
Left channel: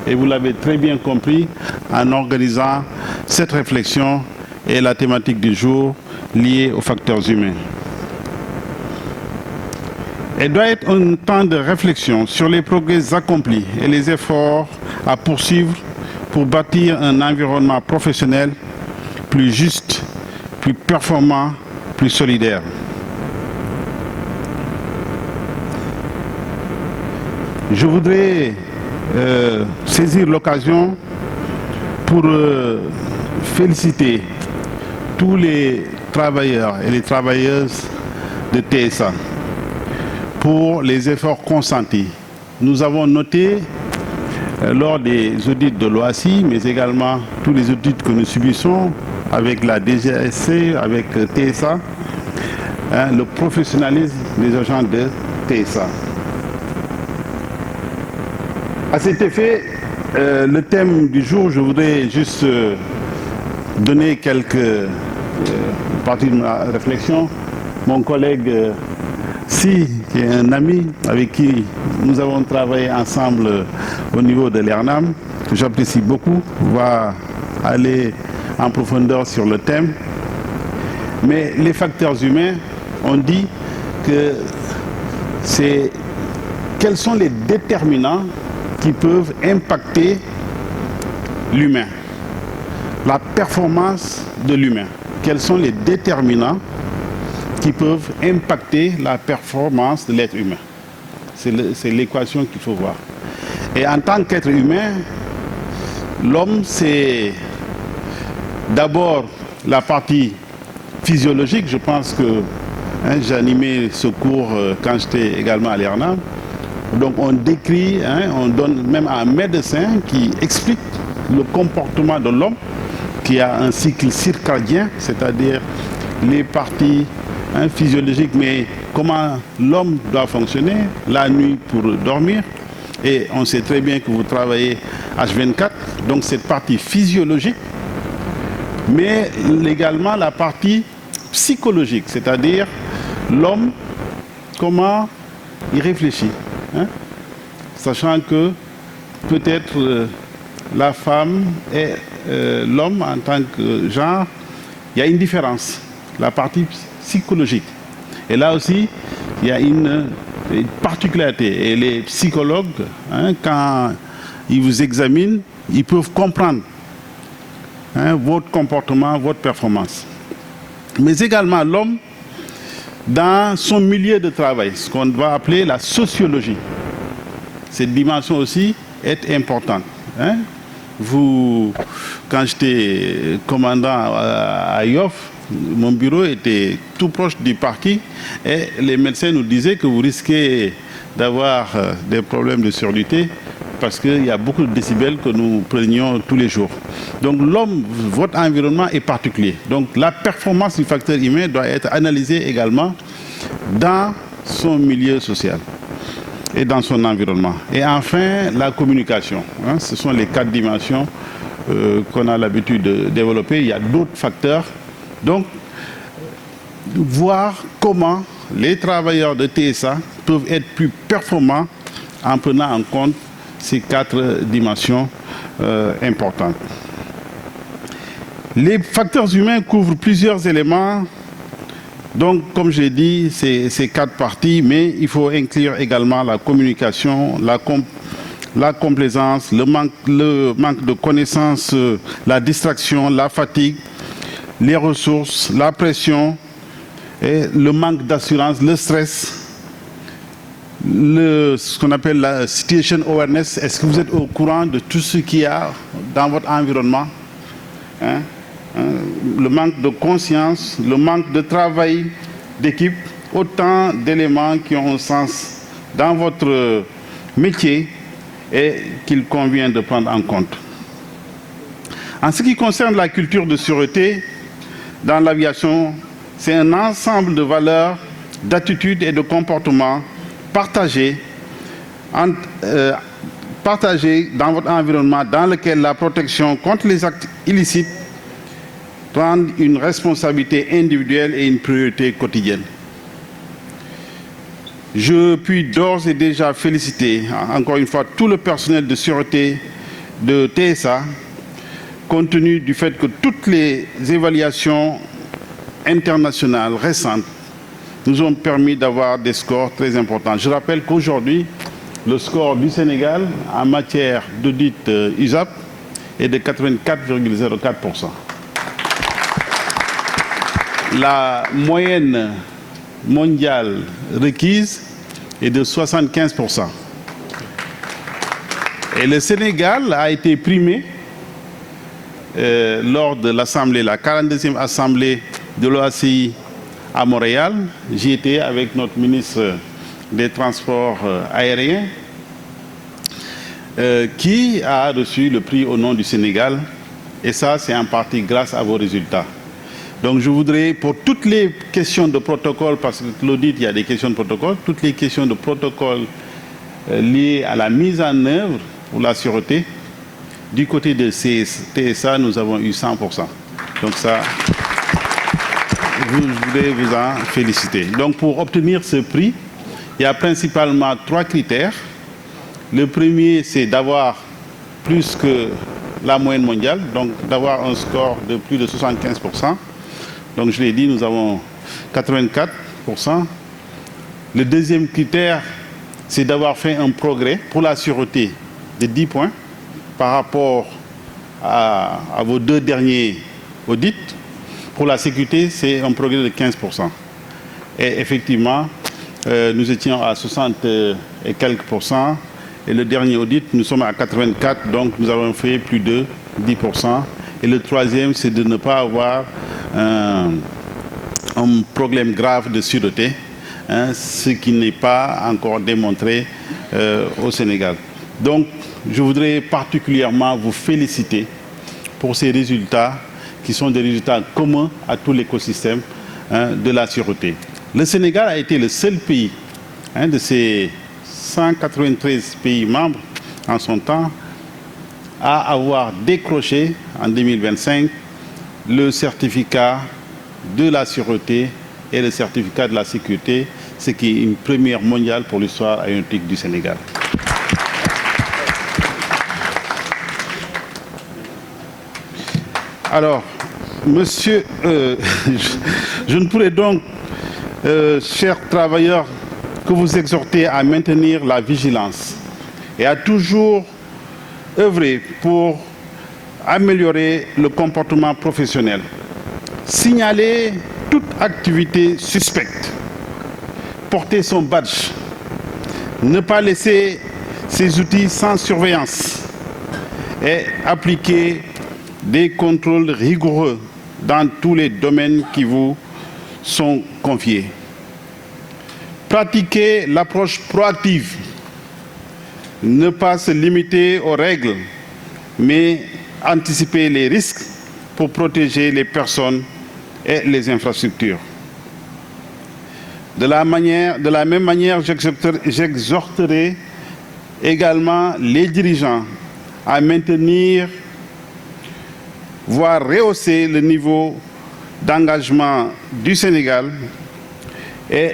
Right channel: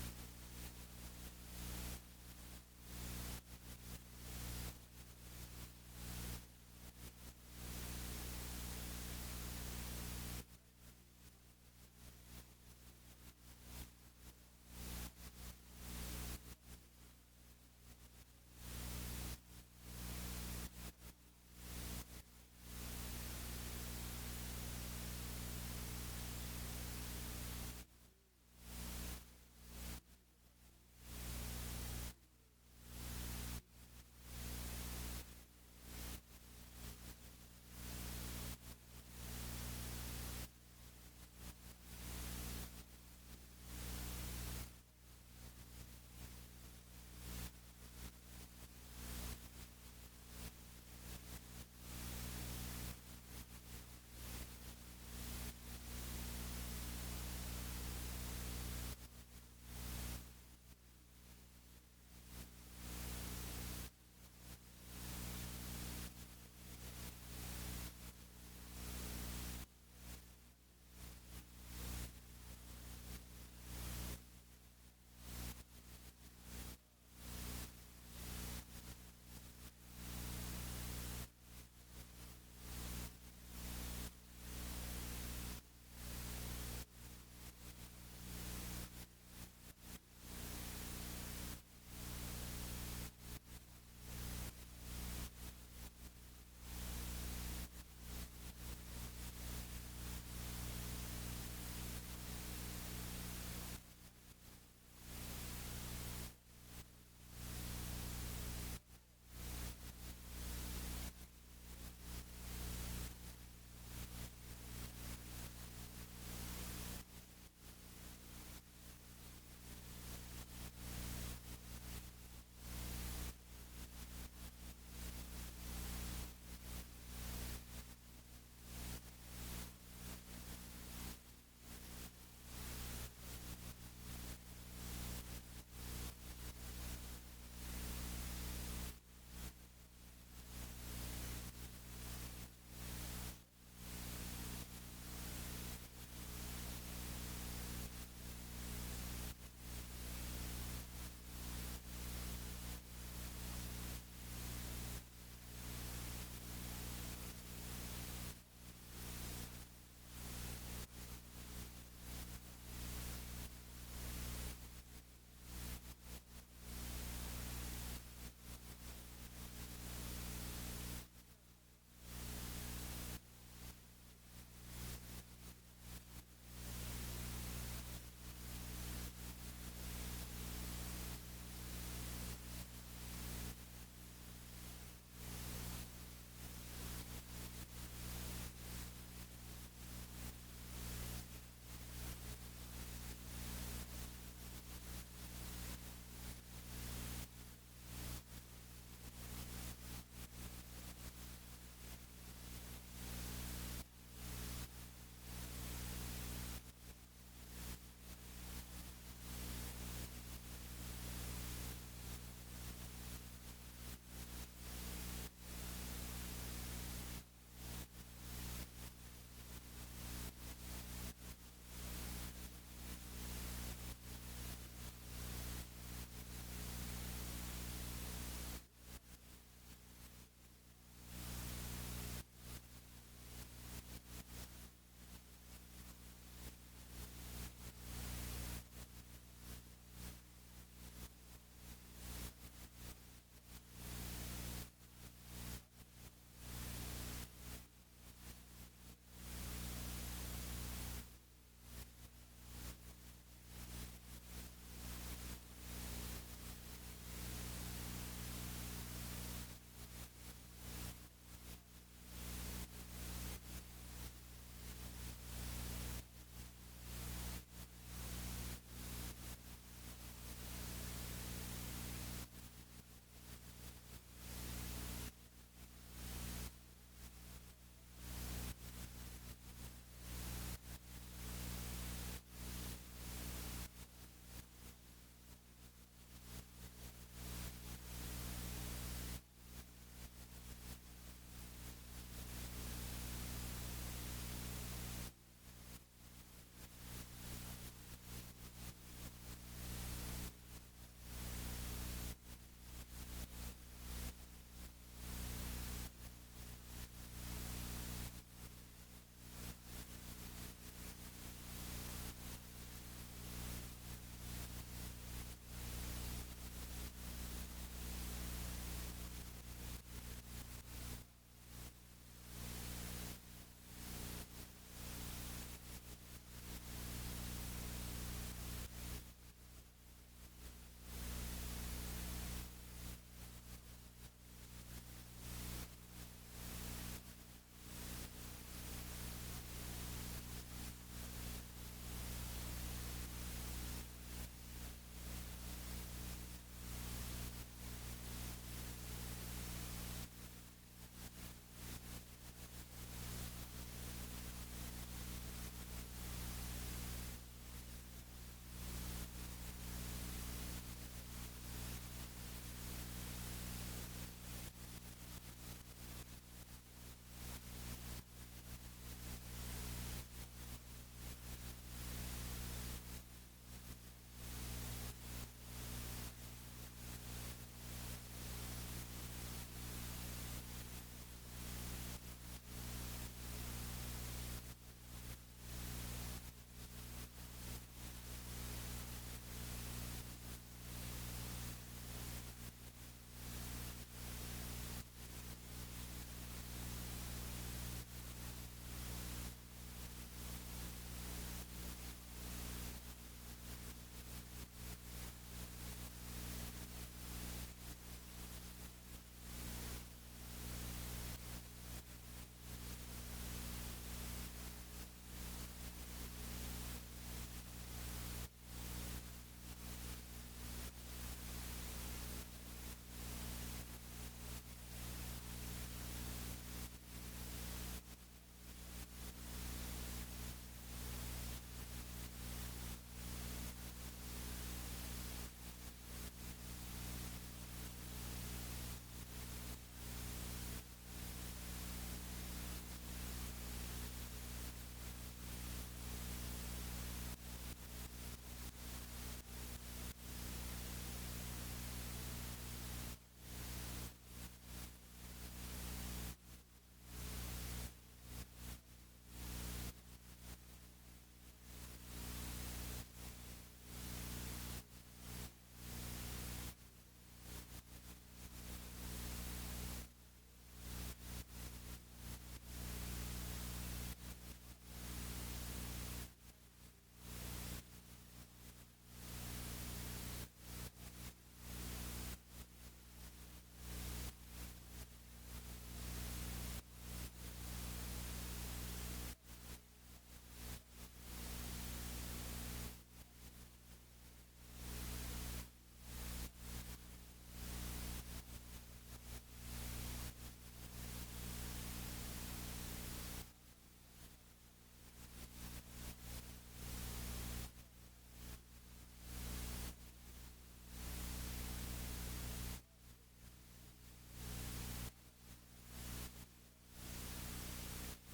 et vous l'avez très bien compris en organisant cette réflexion et la thématique du jour liée aux facteurs humains. Elle doit être un temps de réflexion sur les progrès accomplis et les efforts à poursuivre pour bâtir un environnement professionnel plus juste, plus performant, plus solidaire. Je voudrais saisir l'occasion pour féliciter tous les travailleurs et les travailleuses de TSA pour les efforts consentis. Nous avons noté lors des audits de l'OACI, mais également tous les audits que nous subissons avec la DGSC, avec TSA, le professionnalisme des agents de TSA. À cet effet, le thème du jour, je voudrais juste donner quelques parties de ma réflexion. Mon collègue Si, qui est un ami avec qui nous avons travaillé ensemble au niveau de l'ERNAM, que j'apprécie beaucoup, va aller en profondeur sur le thème. Mais les facteurs humains, on dit que c'est quels sont les déterminants qui peuvent impacter l'humain, la performance de l'humain. Quels sont les déterminants qui peuvent impacter la performance de l'être humain? C'est l'équation qu'il faut voir. Et en tant qu'être humain, l'homme, c'est d'abord la partie physiologique. Je pense que j'ai animé ce cours quand j'étais également à l'ERNAM. Donc on décrit, on donne même à un médecin qui explique le comportement de l'homme, qui a un cycle circadien, c'est-à-dire les parties physiologique, mais comment l'homme doit fonctionner la nuit pour dormir. Et on sait très bien que vous travaillez H24, donc cette partie physiologique, mais également la partie psychologique, c'est-à-dire l'homme, comment il réfléchit, sachant que peut-être la femme et l'homme en tant que genre, il y a une différence, la partie psychologique. Et là aussi, il y a une particularité. Et les psychologues, quand ils vous examinent, ils peuvent comprendre votre comportement, votre performance. Mais également l'homme, dans son milieu de travail, ce qu'on va appeler la sociologie. Cette dimension aussi est importante. Quand j'étais commandant à Yoff, mon bureau était tout proche du parking et les médecins nous disaient que vous risquez d'avoir des problèmes de surdité parce qu'il y a beaucoup de décibels que nous prenions tous les jours. Donc l'homme, votre environnement est particulier. Donc la performance du facteur humain doit être analysée également dans son milieu social et dans son environnement. Et enfin, la communication. Ce sont les 4 dimensions qu'on a l'habitude de développer. Il y a d'autres facteurs. Donc, voir comment les travailleurs de TSA peuvent être plus performants en prenant en compte ces 4 dimensions importantes. Les facteurs humains couvrent plusieurs éléments. Donc, comme j'ai dit, c'est 4 parties, mais il faut inclure également la communication, la complaisance, le manque de connaissances, la distraction, la fatigue, les ressources, la pression, et le manque d'assurance, le stress, ce qu'on appelle la situation awareness. Est-ce que vous êtes au courant de tout ce qu'il y a dans votre environnement? Le manque de conscience, le manque de travail d'équipe, autant d'éléments qui ont un sens dans votre métier et qu'il convient de prendre en compte. En ce qui concerne la culture de sûreté, dans l'aviation, c'est un ensemble de valeurs, d'attitudes et de comportements partagés dans votre environnement dans lequel la protection contre les actes illicites prend une responsabilité individuelle et une priorité quotidienne. Je puis d'ores et déjà féliciter encore une fois tout le personnel de sûreté de TSA, compte tenu du fait que toutes les évaluations internationales récentes nous ont permis d'avoir des scores très importants. Je rappelle qu'aujourd'hui, le score du Sénégal en matière d'audit USAP est de 84,04%. La moyenne mondiale requise est de 75%. Et le Sénégal a été primé lors de l'Assemblée, la 42e Assemblée de l'OACI à Montréal. J'y étais avec notre ministre des Transports aériens qui a reçu le prix au nom du Sénégal. Et ça, c'est en partie grâce à vos résultats. Donc je voudrais, pour toutes les questions de protocole, parce que l'audit, il y a des questions de protocole, toutes les questions de protocole liées à la mise en œuvre pour la sûreté, du côté de TSA, nous avons eu 100%. Donc ça, je voudrais vous en féliciter. Donc pour obtenir ce prix, il y a principalement 3 critères. Le premier, c'est d'avoir plus que la moyenne mondiale, donc d'avoir un score de plus de 75%. Donc je l'ai dit, nous avons 84%. Le deuxième critère, c'est d'avoir fait un progrès pour la sûreté de 10 points par rapport à vos 2 derniers audits. Pour la sécurité, c'est un progrès de 15%. Et effectivement, nous étions à 60 et quelques %. Et le dernier audit, nous sommes à 84, donc nous avons fait plus de 10%. Et le troisième, c'est de ne pas avoir un problème grave de sûreté, ce qui n'est pas encore démontré au Sénégal. Donc, je voudrais particulièrement vous féliciter pour ces résultats qui sont des résultats communs à tout l'écosystème de la sûreté. Le Sénégal a été le seul pays de ces 193 pays membres en son temps à avoir décroché en 2025 le certificat de la sûreté et le certificat de la sécurité, ce qui est une première mondiale pour l'histoire aéronautique du Sénégal. Alors, monsieur, je ne pourrais donc, chers travailleurs, que vous exhorter à maintenir la vigilance et à toujours œuvrer pour améliorer le comportement professionnel. Signaler toute activité suspecte, porter son badge, ne pas laisser ses outils sans surveillance et appliquer des contrôles rigoureux dans tous les domaines qui vous sont confiés. Pratiquer l'approche proactive, ne pas se limiter aux règles, mais anticiper les risques pour protéger les personnes et les infrastructures. De la même manière, j'exhorterai également les dirigeants à maintenir, voire rehausser le niveau d'engagement du Sénégal et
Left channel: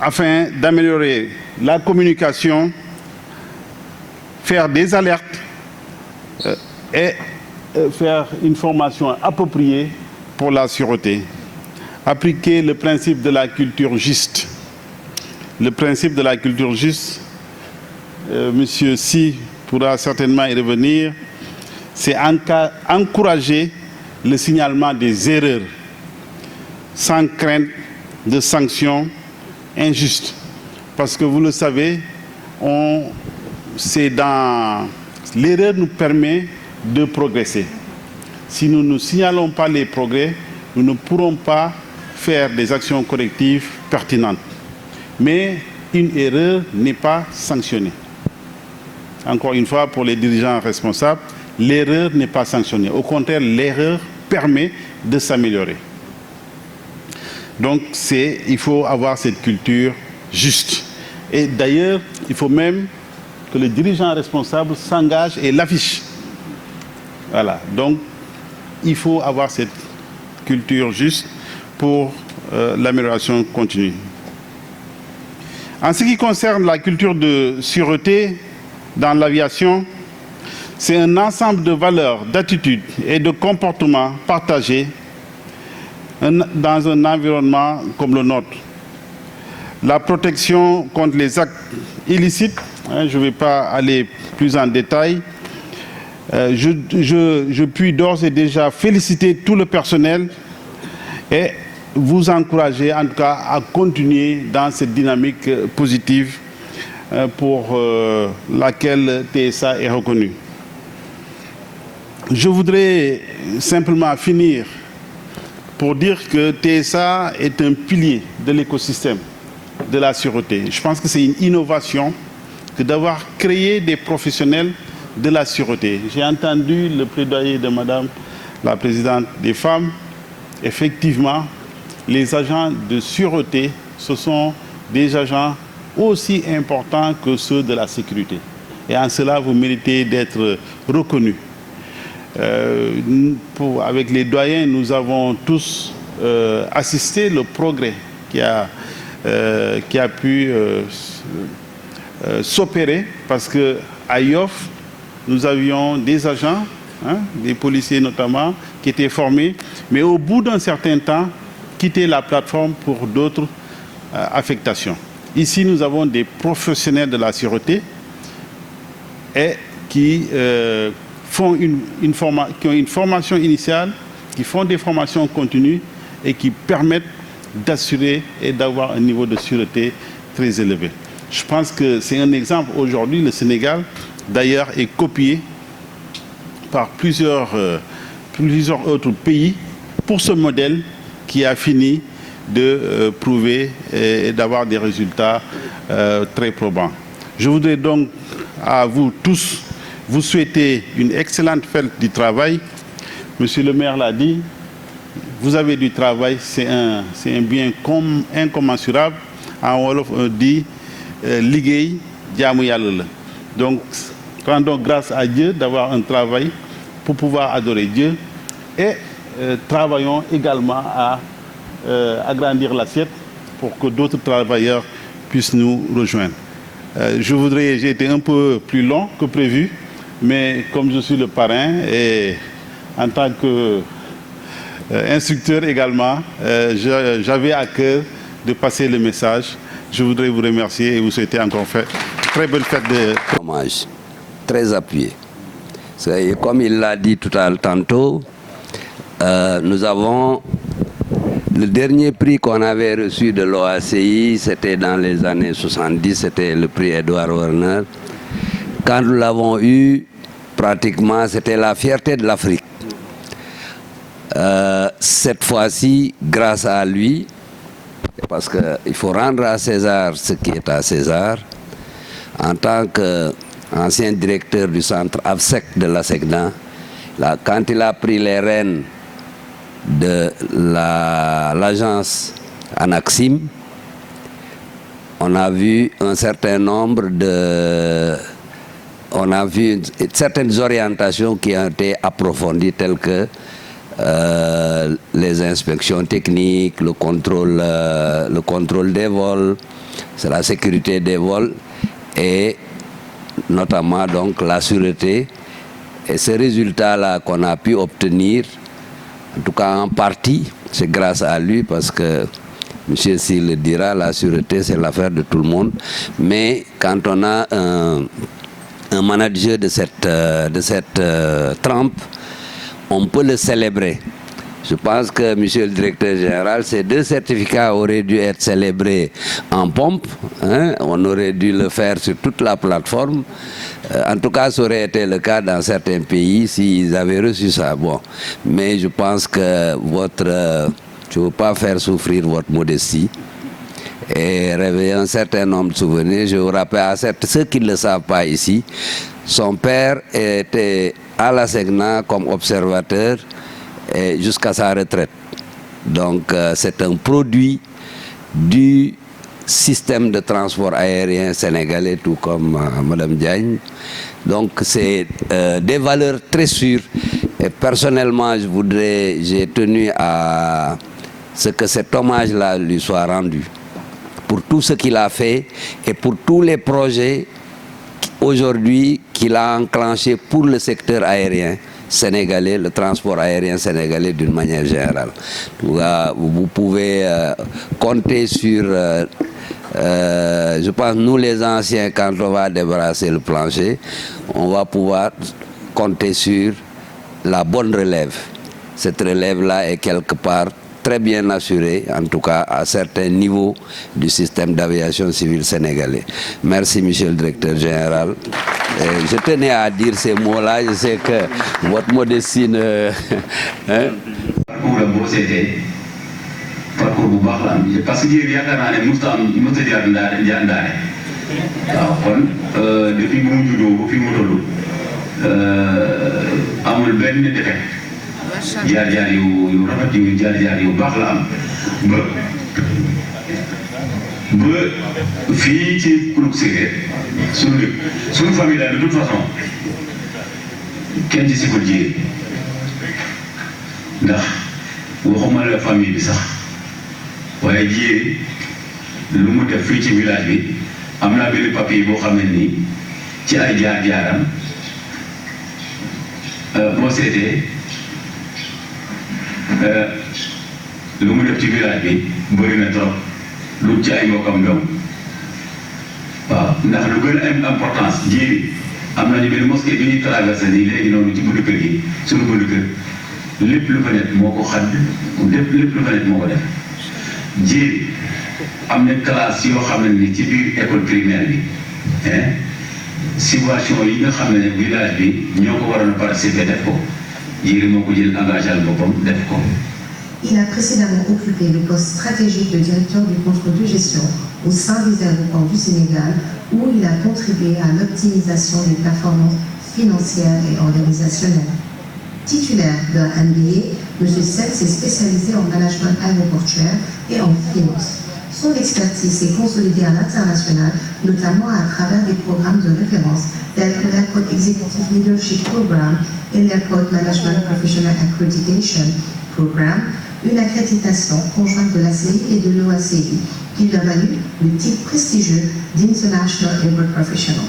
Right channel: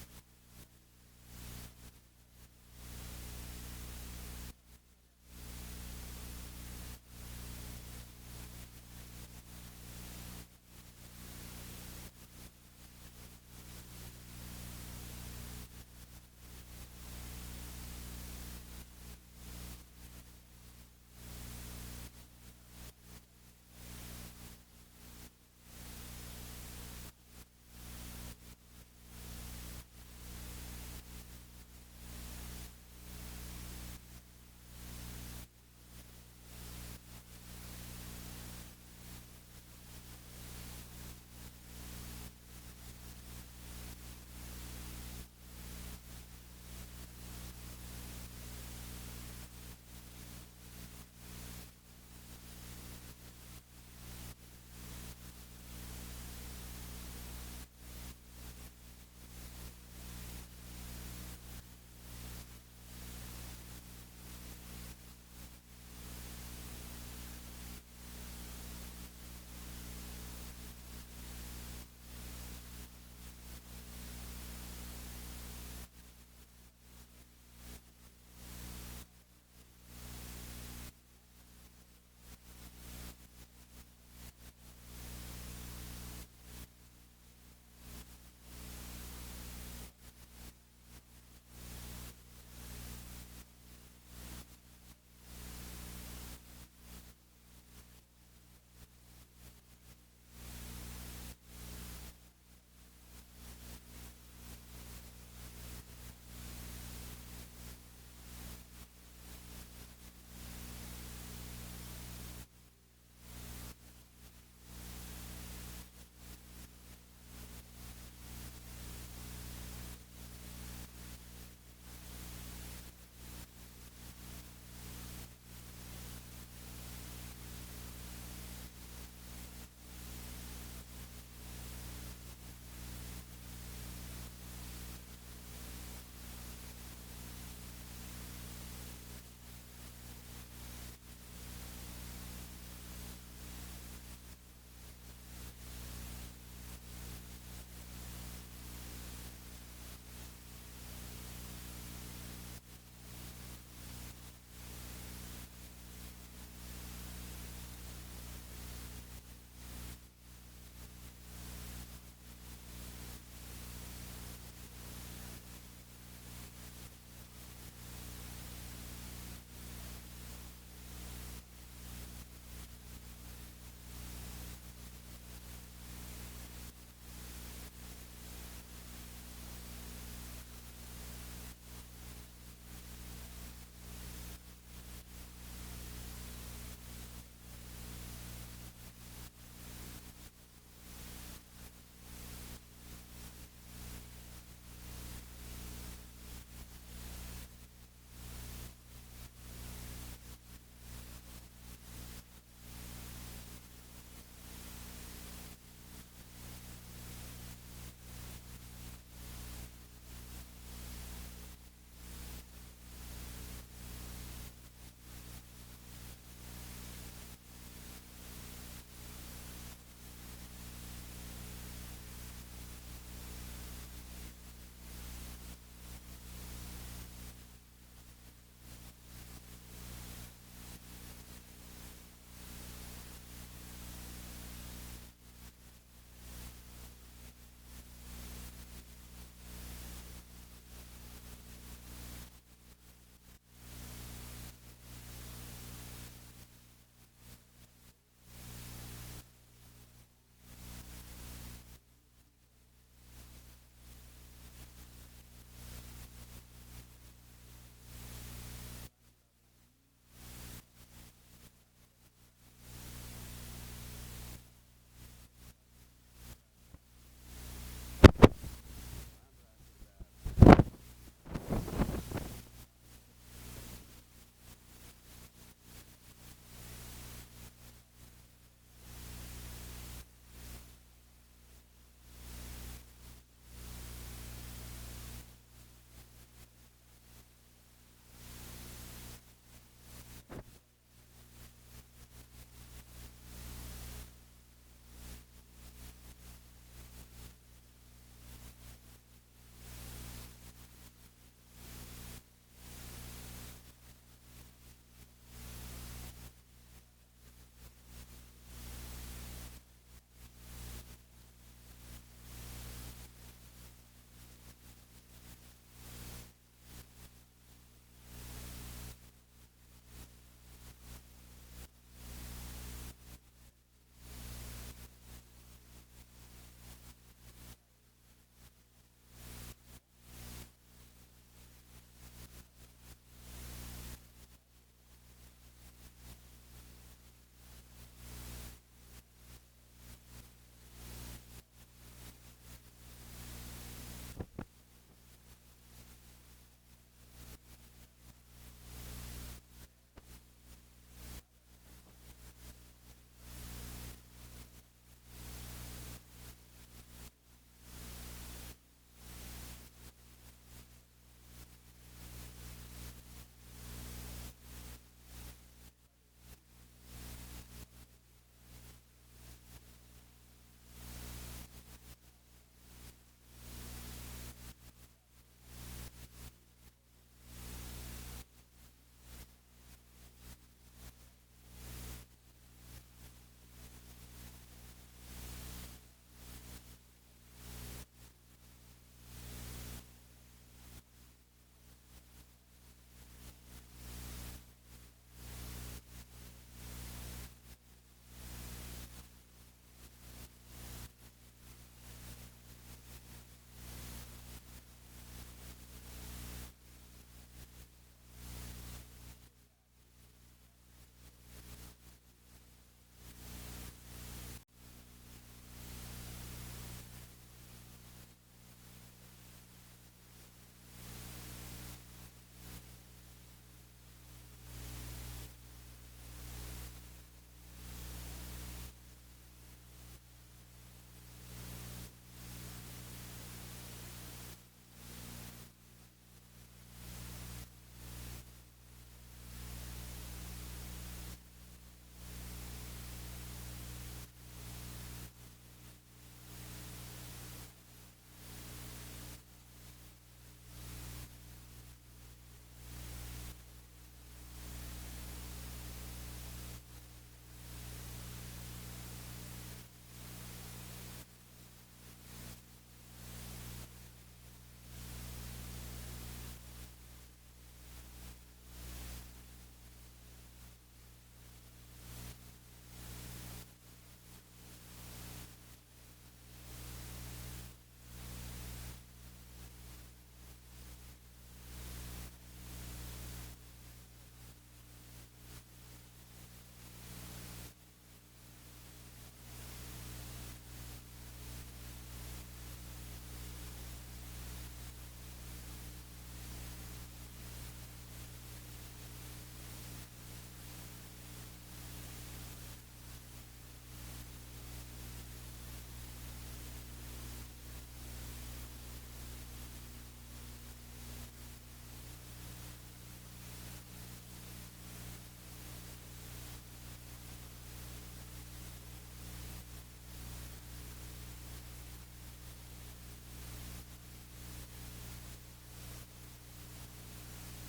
afin d'améliorer la communication, faire des alertes et faire une formation appropriée pour la sûreté. Appliquer le principe de la culture juste. Le principe de la culture juste, Monsieur Sy pourra certainement y revenir, c'est encourager le signalement des erreurs sans crainte de sanctions injustes. Parce que vous le savez, l'erreur nous permet de progresser. Si nous ne signalons pas les progrès, nous ne pourrons pas faire des actions correctives pertinentes. Mais une erreur n'est pas sanctionnée. Encore une fois, pour les dirigeants responsables, l'erreur n'est pas sanctionnée. Au contraire, l'erreur permet de s'améliorer. Donc, il faut avoir cette culture juste. Et d'ailleurs, il faut même que le dirigeant responsable s'engage et l'affiche. Voilà. Donc, il faut avoir cette culture juste pour l'amélioration continue. En ce qui concerne la culture de sûreté dans l'aviation, c'est un ensemble de valeurs, d'attitudes et de comportements partagés dans un environnement comme le nôtre. La protection contre les actes illicites, je ne vais pas aller plus en détail. Je puis d'ores et déjà féliciter tout le personnel et vous encourager en tout cas à continuer dans cette dynamique positive pour laquelle TSA est reconnue. Je voudrais simplement finir pour dire que TSA est un pilier de l'écosystème de la sûreté. Je pense que c'est une innovation que d'avoir créé des professionnels de la sûreté. J'ai entendu le plaidoyer de Madame la Présidente des femmes. Effectivement, les agents de sûreté, ce sont des agents aussi importants que ceux de la sécurité. Et en cela, vous méritez d'être reconnus. Avec les doyens, nous avons tous assisté au progrès qui a pu s'opérer parce qu'à Yoff, nous avions des agents, des policiers notamment, qui étaient formés, mais au bout d'un certain temps, quittaient la plateforme pour d'autres affectations. Ici, nous avons des professionnels de la sûreté et qui ont une formation initiale, qui font des formations continues et qui permettent d'assurer et d'avoir un niveau de sûreté très élevé. Je pense que c'est un exemple. Aujourd'hui, le Sénégal, d'ailleurs, est copié par plusieurs autres pays pour ce modèle qui a fini de prouver et d'avoir des résultats très probants. Je voudrais donc à vous tous vous souhaiter une excellente fête du travail. Monsieur le maire l'a dit, vous avez du travail, c'est un bien incommensurable. En wolof on dit liggéey jaamu yàlla la. Donc rendons grâce à Dieu d'avoir un travail pour pouvoir adorer Dieu et travaillons également à agrandir l'assiette pour que d'autres travailleurs puissent nous rejoindre. J'ai été un peu plus long que prévu, mais comme je suis le parrain et en tant que instructeur également, j'avais à cœur de passer le message. Je voudrais vous remercier et vous souhaiter encore très bonne fête de... Hommage très appuyé. Comme il l'a dit tantôt, nous avons le dernier prix qu'on avait reçu de l'OACI, c'était dans les années 70, c'était le prix Edward Warner. Quand nous l'avons eu, pratiquement, c'était la fierté de l'Afrique. Cette fois-ci, grâce à lui, parce qu'il faut rendre à César ce qui est à César, en tant qu'ancien directeur du centre AFSEC de l'ASECNA, quand il a pris les rênes de l'agence Anaxim, on a vu un certain nombre certaines orientations qui ont été approfondies, telles que les inspections techniques, le contrôle des vols, c'est la sécurité des vols et notamment donc la sûreté. Et ce résultat-là qu'on a pu obtenir, en tout cas en partie, c'est grâce à lui, parce que M. Sy le dira, la sûreté c'est l'affaire de tout le monde. Mais quand on a un manager de cette trempe, on peut le célébrer. Je pense que, monsieur le directeur général, ces 2 certificats auraient dû être célébrés en pompe. Hein? On aurait dû le faire sur toute la plateforme. En tout cas, ça aurait été le cas dans certains pays s'ils avaient reçu ça. Bon. Mais je pense que je ne veux pas faire souffrir votre modestie et réveiller un certain nombre de souvenirs. Je vous rappelle à ceux qui ne le savent pas ici, son père était à l'ASECNA comme observateur jusqu'à sa retraite. Donc c'est un produit du système de transport aérien sénégalais, tout comme Mme Diagne. Donc c'est des valeurs très sûres. Et personnellement, j'ai tenu à ce que cet hommage-là lui soit rendu. Pour tout ce qu'il a fait et pour tous les projets aujourd'hui qu'il a enclenchés pour le secteur aérien sénégalais, le transport aérien sénégalais d'une manière générale. Vous pouvez compter sur, je pense, nous les anciens, quand on va débarrasser le plancher, on va pouvoir compter sur la bonne relève. Cette relève-là est quelque part très bien assurée, en tout cas à certains niveaux du système d'aviation civile sénégalais. Merci, monsieur le directeur général. Je tenais à dire ces mots-là. Je sais que votre modestie ne... Parcours la boo seetee parcours bu baax la am parce que jéeg yaakaar naa ne musta jaar ndaare waaw kon depuis bu mu juddoo ba fi mu toll amul benn defet jaar-jaar yu rafet yu jaar-jaar yu baax la am ba fii ci Kuluk Séeréer suñu famille daal de toute façon kenn ci si ko jiyee ndax waxuma la famille bi sax waaye jiyee lu mu def fii ci village bi am naa benn papier boo xam ne nii ci ay jaar-jaaram boo seetee lu mu def ci village bi bëri na trop lu ci ay mbokkam doom waaw ndax lu gën a am importance jiyee am nañu benn mosquée bi ñuy traversé nii léegi noonu ci buntu kër gi suñu buntu kër lépp lu fa nekk moo ko xadd lépp lu fa nekk moo ko def jéeri am na classe yoo xam ne ni ci biir école primaire bi situation yi nga xam ne village bi ñoo ko waroon a participer def ko jéeri moo ko jël engagé al boppam def ko. Il a précédemment occupé le poste stratégique de directeur du contrôle de gestion au sein des aéroports du Sénégal, où il a contribué à l'optimisation des performances financières et organisationnelles. Titulaire de la MBA, M. Sen s'est spécialisé en management aéroportuaire et en finance. Son expertise s'est consolidée à l'international, notamment à travers des programmes de référence tels que l'Airport Executive Leadership Program et l'Airport Management Professional Accreditation Program, une accréditation conjointe de l'ACI et de l'OACI qui lui a valu le titre prestigieux d'International Airport Professional.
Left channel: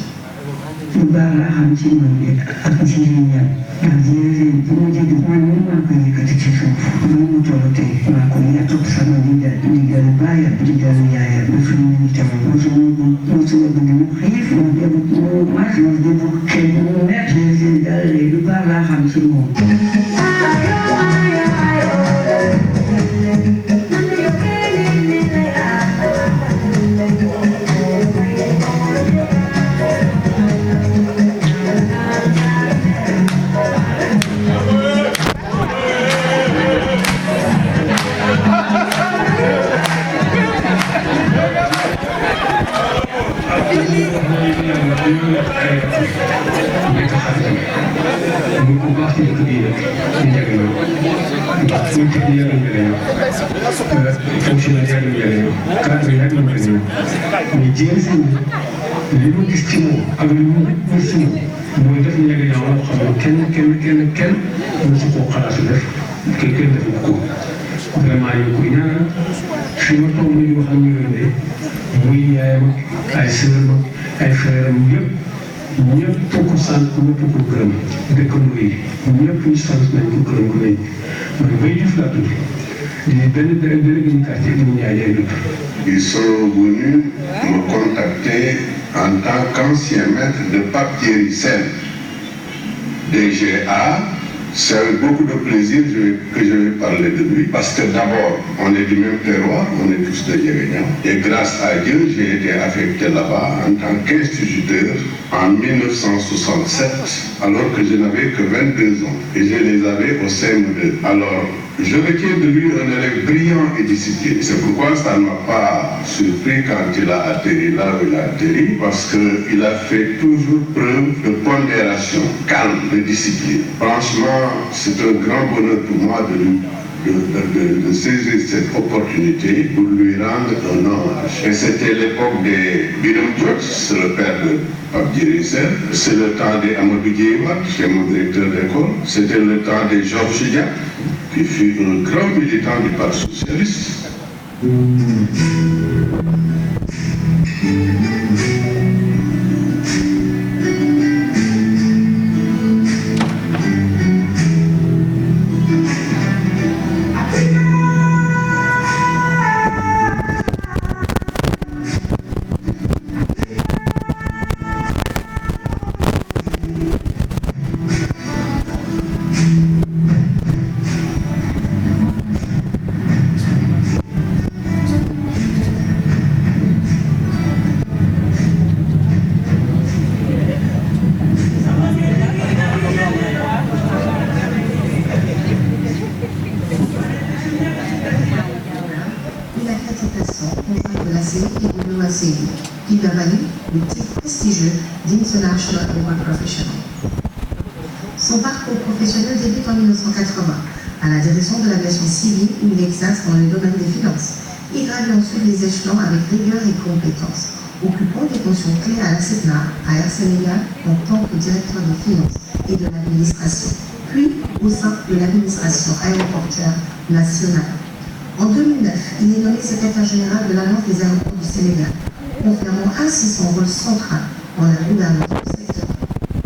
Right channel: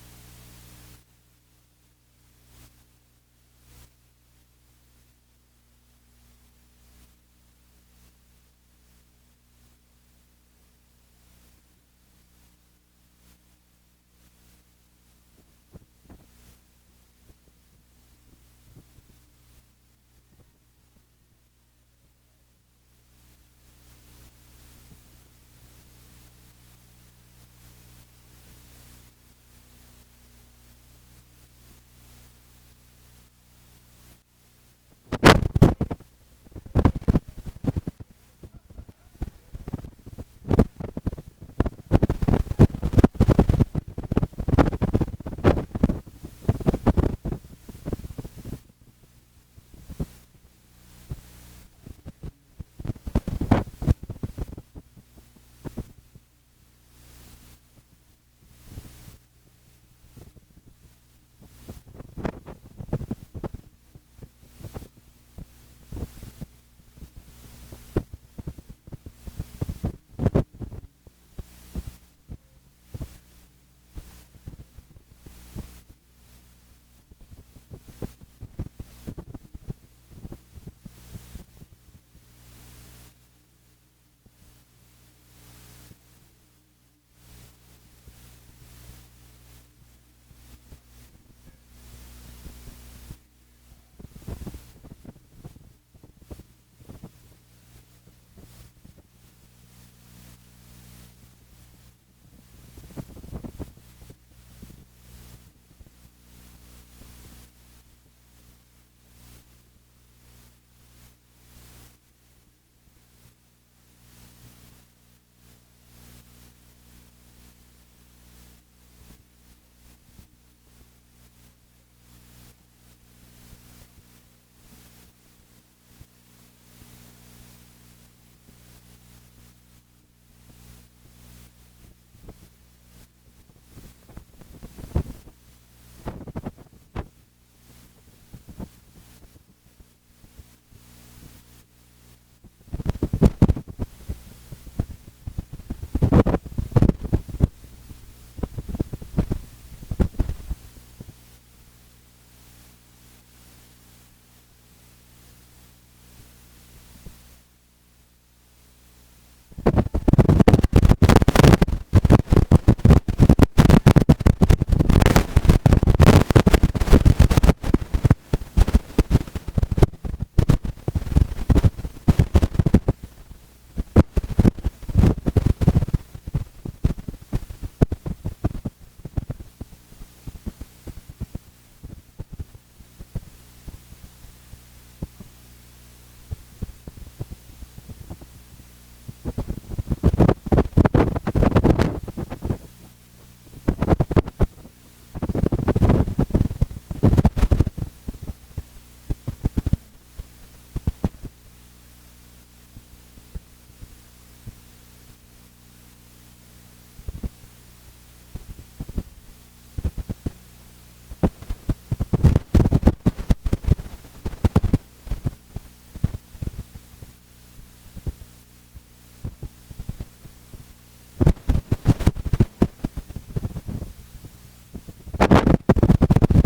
Ils sont venus me contacter en tant qu'ancien maître de Pape Thierry Sen, DGA. C'est avec beaucoup de plaisir que je vais parler de lui, parce que d'abord, on est du même terroir, on est tous de Yérénian. Et grâce à Dieu, j'ai été affecté là-bas en tant qu'instituteur en 1967, alors que je n'avais que 22 ans. Et je les avais au CM2. Alors, je retiens de lui un élève brillant et discipliné. C'est pourquoi ça ne m'a pas surpris quand il a atterri là où il a atterri, parce qu'il a fait toujours preuve de pondération, calme, de discipline. Franchement, c'est un grand bonheur pour moi de saisir cette opportunité pour lui rendre un hommage. Et c'était l'époque des Biram Diop, c'est le père de Pape Thierry Sen. C'est le temps des Amadou Diéwat, c'est mon directeur d'école. C'était le temps des Georges Dia, qui fut un grand militant du Parti socialiste. qui lui a valu le titre prestigieux d'International Airport Professional. Son parcours professionnel débute en 1980 à la direction de l'aviation civile où il exerce dans le domaine des finances. Il gravit ensuite les échelons avec rigueur et compétence, occupant des fonctions clés à la CETNA, à Air Sénégal en tant que directeur des finances et de l'administration, puis au sein de l'administration aéroportuaire nationale. En 2009, il est nommé secrétaire général de l'Alliance des aéroports du Sénégal, confirmant ainsi son rôle central dans la gouvernance du secteur.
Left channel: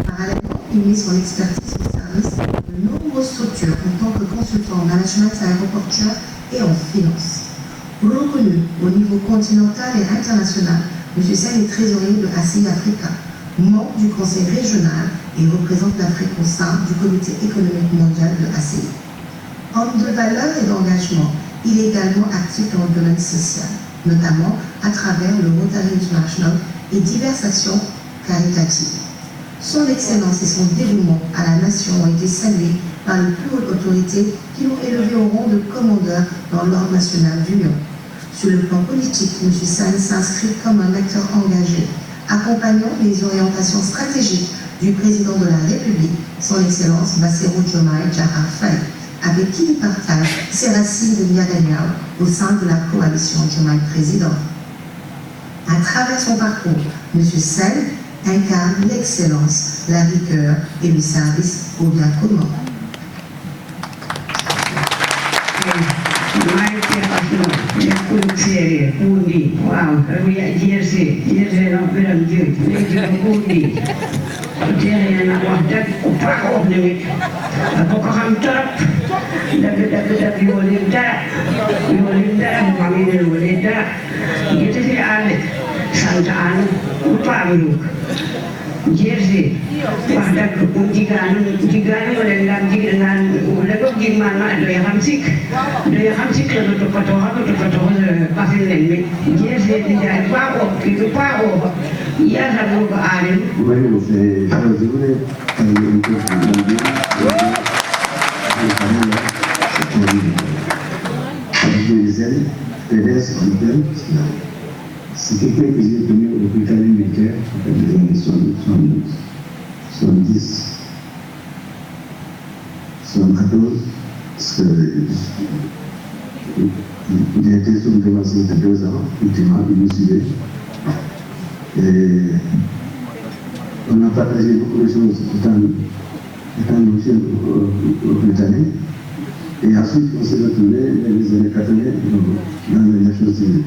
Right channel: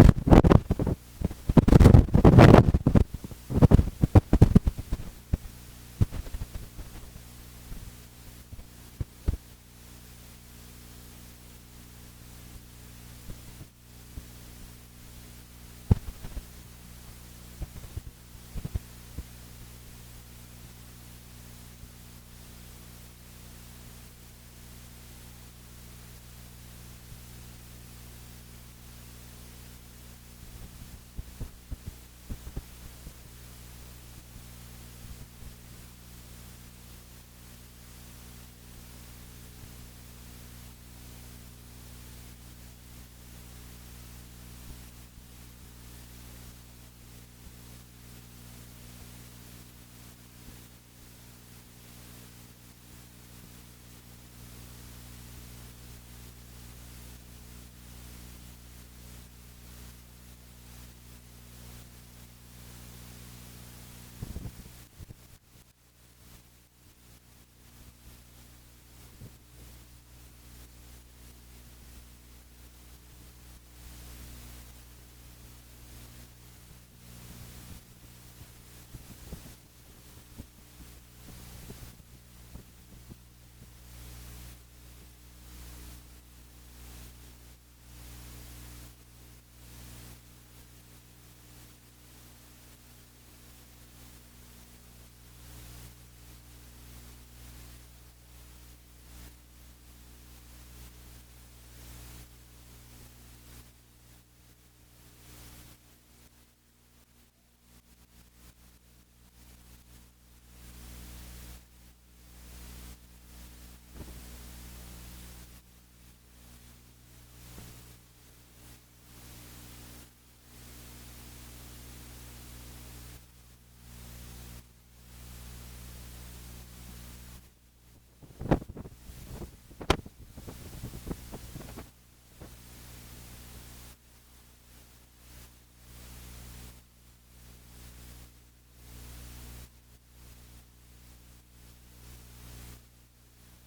Parallèlement, il met son expertise au service de nombreuses structures en tant que consultant en management aéroportuaire et en finance. Reconnu au niveau continental et international, M. Sen est trésorier de ACI Africa, membre du conseil régional et représente l'Afrique au sein du comité économique mondial de ACI. Homme de valeur et d'engagement, il est également actif dans le domaine social, notamment à travers le Rotary International et diverses actions caritatives. Son excellence et son dévouement à la nation ont été salués par les plus hautes autorités qui l'ont élevé au rang de commandeur dans l'ordre national du Lion. Sur le plan politique, M. Sen s'inscrit comme un acteur engagé, accompagnant les orientations stratégiques du président de la République, son Excellence Bassirou Diomaye Diakhar Faye, avec qui il partage ses racines de Ndiaganiao au sein de la coalition Diomaye Président. À travers son parcours, M. Sène incarne l'excellence, la rigueur et le service au bien commun. Jersey, wahdak jigaan wala ndam jigaan wala ko gimman ma do ya hamsik la to pato pasin len Jersey di jaay paago ki paago ya sa ko aare bueno je voulais c'est quelqu'un que j'ai donné au hôpital militaire dans les années 70, 74, parce qu'il a été son dévancé de 2 ans, ultimement, il me suivait. Et on a partagé beaucoup de choses étant jeune au Britannique. Et ensuite, on s'est retrouvé dans les années 80 dans l'aviation civile.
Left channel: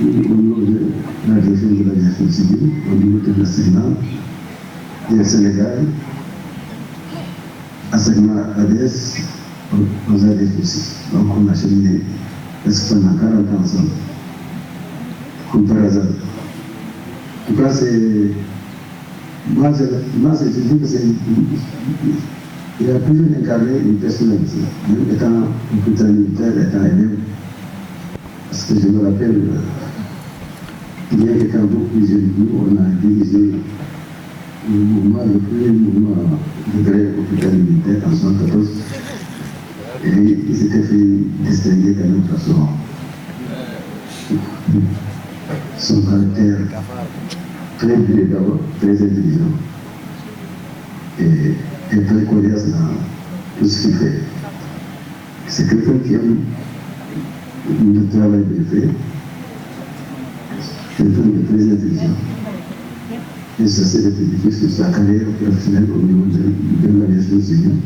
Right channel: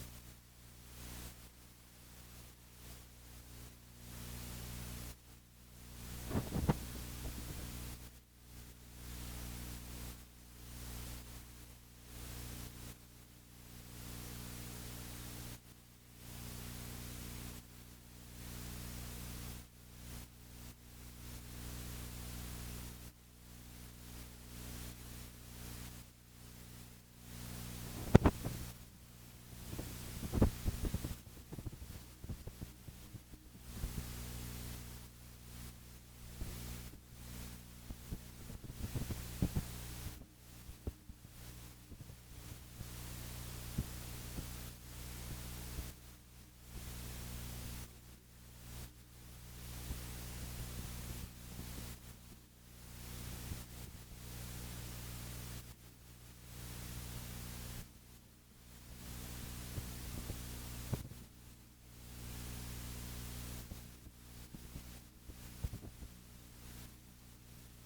Au niveau de la direction de l'aviation civile, au niveau de l'enseignement, et au Sénégal, enseignement ADS, aux ADS aussi. Donc on a cheminé presque pendant 40 ans ensemble, comme par hasard. En tout cas, c'est. Moi, je dis que c'est. Il a toujours incarné une personnalité, même étant hôpital militaire, étant élève. Parce que je me rappelle, il y a quelqu'un beaucoup plus jeune que nous, on a dirigé le premier mouvement de grève hôpital militaire en 1974. Et il s'était fait distinguer quand même par son caractère très brillant d'abord, très intelligent et très coriace dans tout ce qu'il fait. C'est quelqu'un qui aime le travail bien fait, quelqu'un de très intelligent. Et ça s'est répercuté sur sa carrière professionnelle au niveau de l'aviation civile.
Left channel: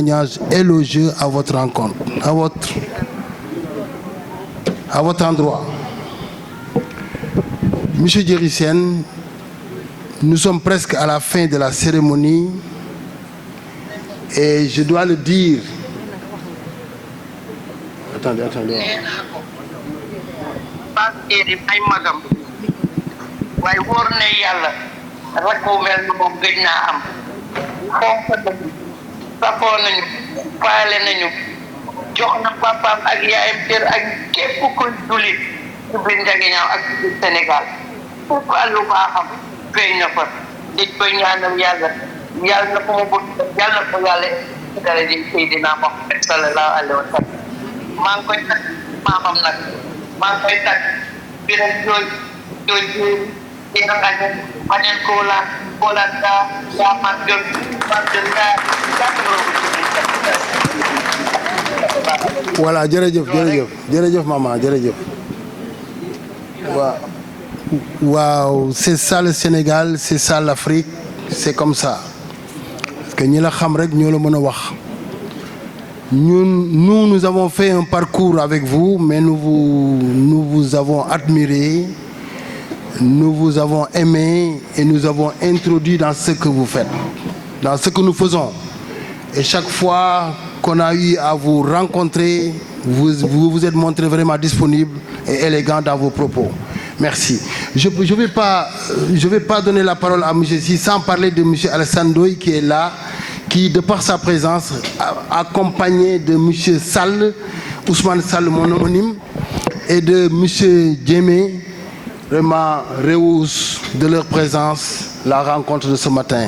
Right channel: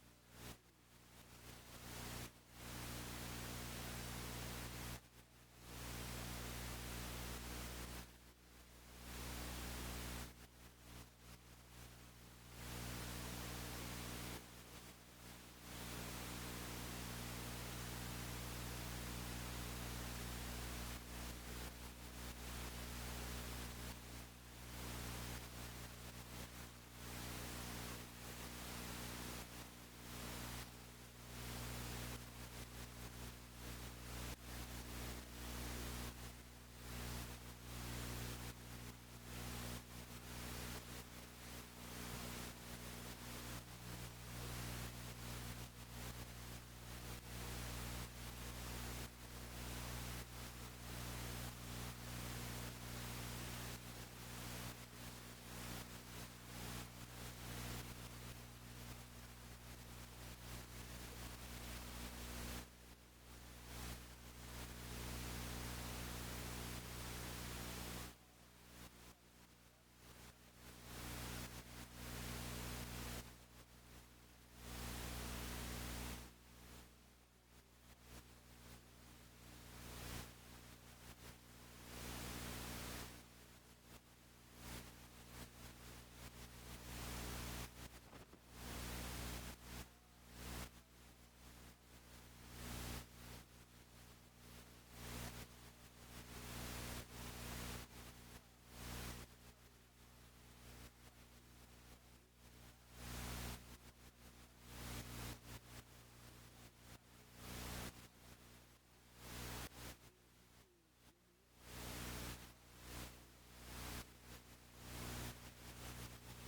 témoignage élogieux à votre rencontre, à votre endroit. Monsieur Djery Sène, nous sommes presque à la fin de la cérémonie et je dois le dire. Attendez. waaye wóor na yàlla rakk bu mel ni moom gëj naa am fonk nañu safoo nañu faale nañu jox na papaam ak yaayam cër ak képp kuy jullit ci biir Ndiaganiao ak ci biir Sénégal pour lu baaxam feeñ na fa dañ koy ñaanal yàlla na ko mu bëgg yàlla na ko yàlla ci dara di Seydina Muhammad sallallahu alayhi wa sallam maa ngi koy tag maamam nag maa ngi koy tag biram jooy Voilà, jërëjëf maman, jërëjëf. Waaw, c'est ça le Sénégal, c'est ça l'Afrique, c'est comme ça. Parce que ñi la xam rek ñoo la mën a wax. Nous avons fait un parcours avec vous, mais nous vous avons admiré. Nous vous avons aimé et nous avons introduit dans ce que vous faites, dans ce que nous faisons. Et chaque fois qu'on a eu à vous rencontrer, vous vous êtes montré vraiment disponible et élégant dans vos propos. Merci. Je vais pas donner la parole à M. Si sans parler de M. Alassane Ndoye qui est là, qui, de par sa présence, accompagné de M. Sall, Ousmane Sall, mon homonyme, et de M. Djemé, vraiment rehausse de leur présence la rencontre de ce matin.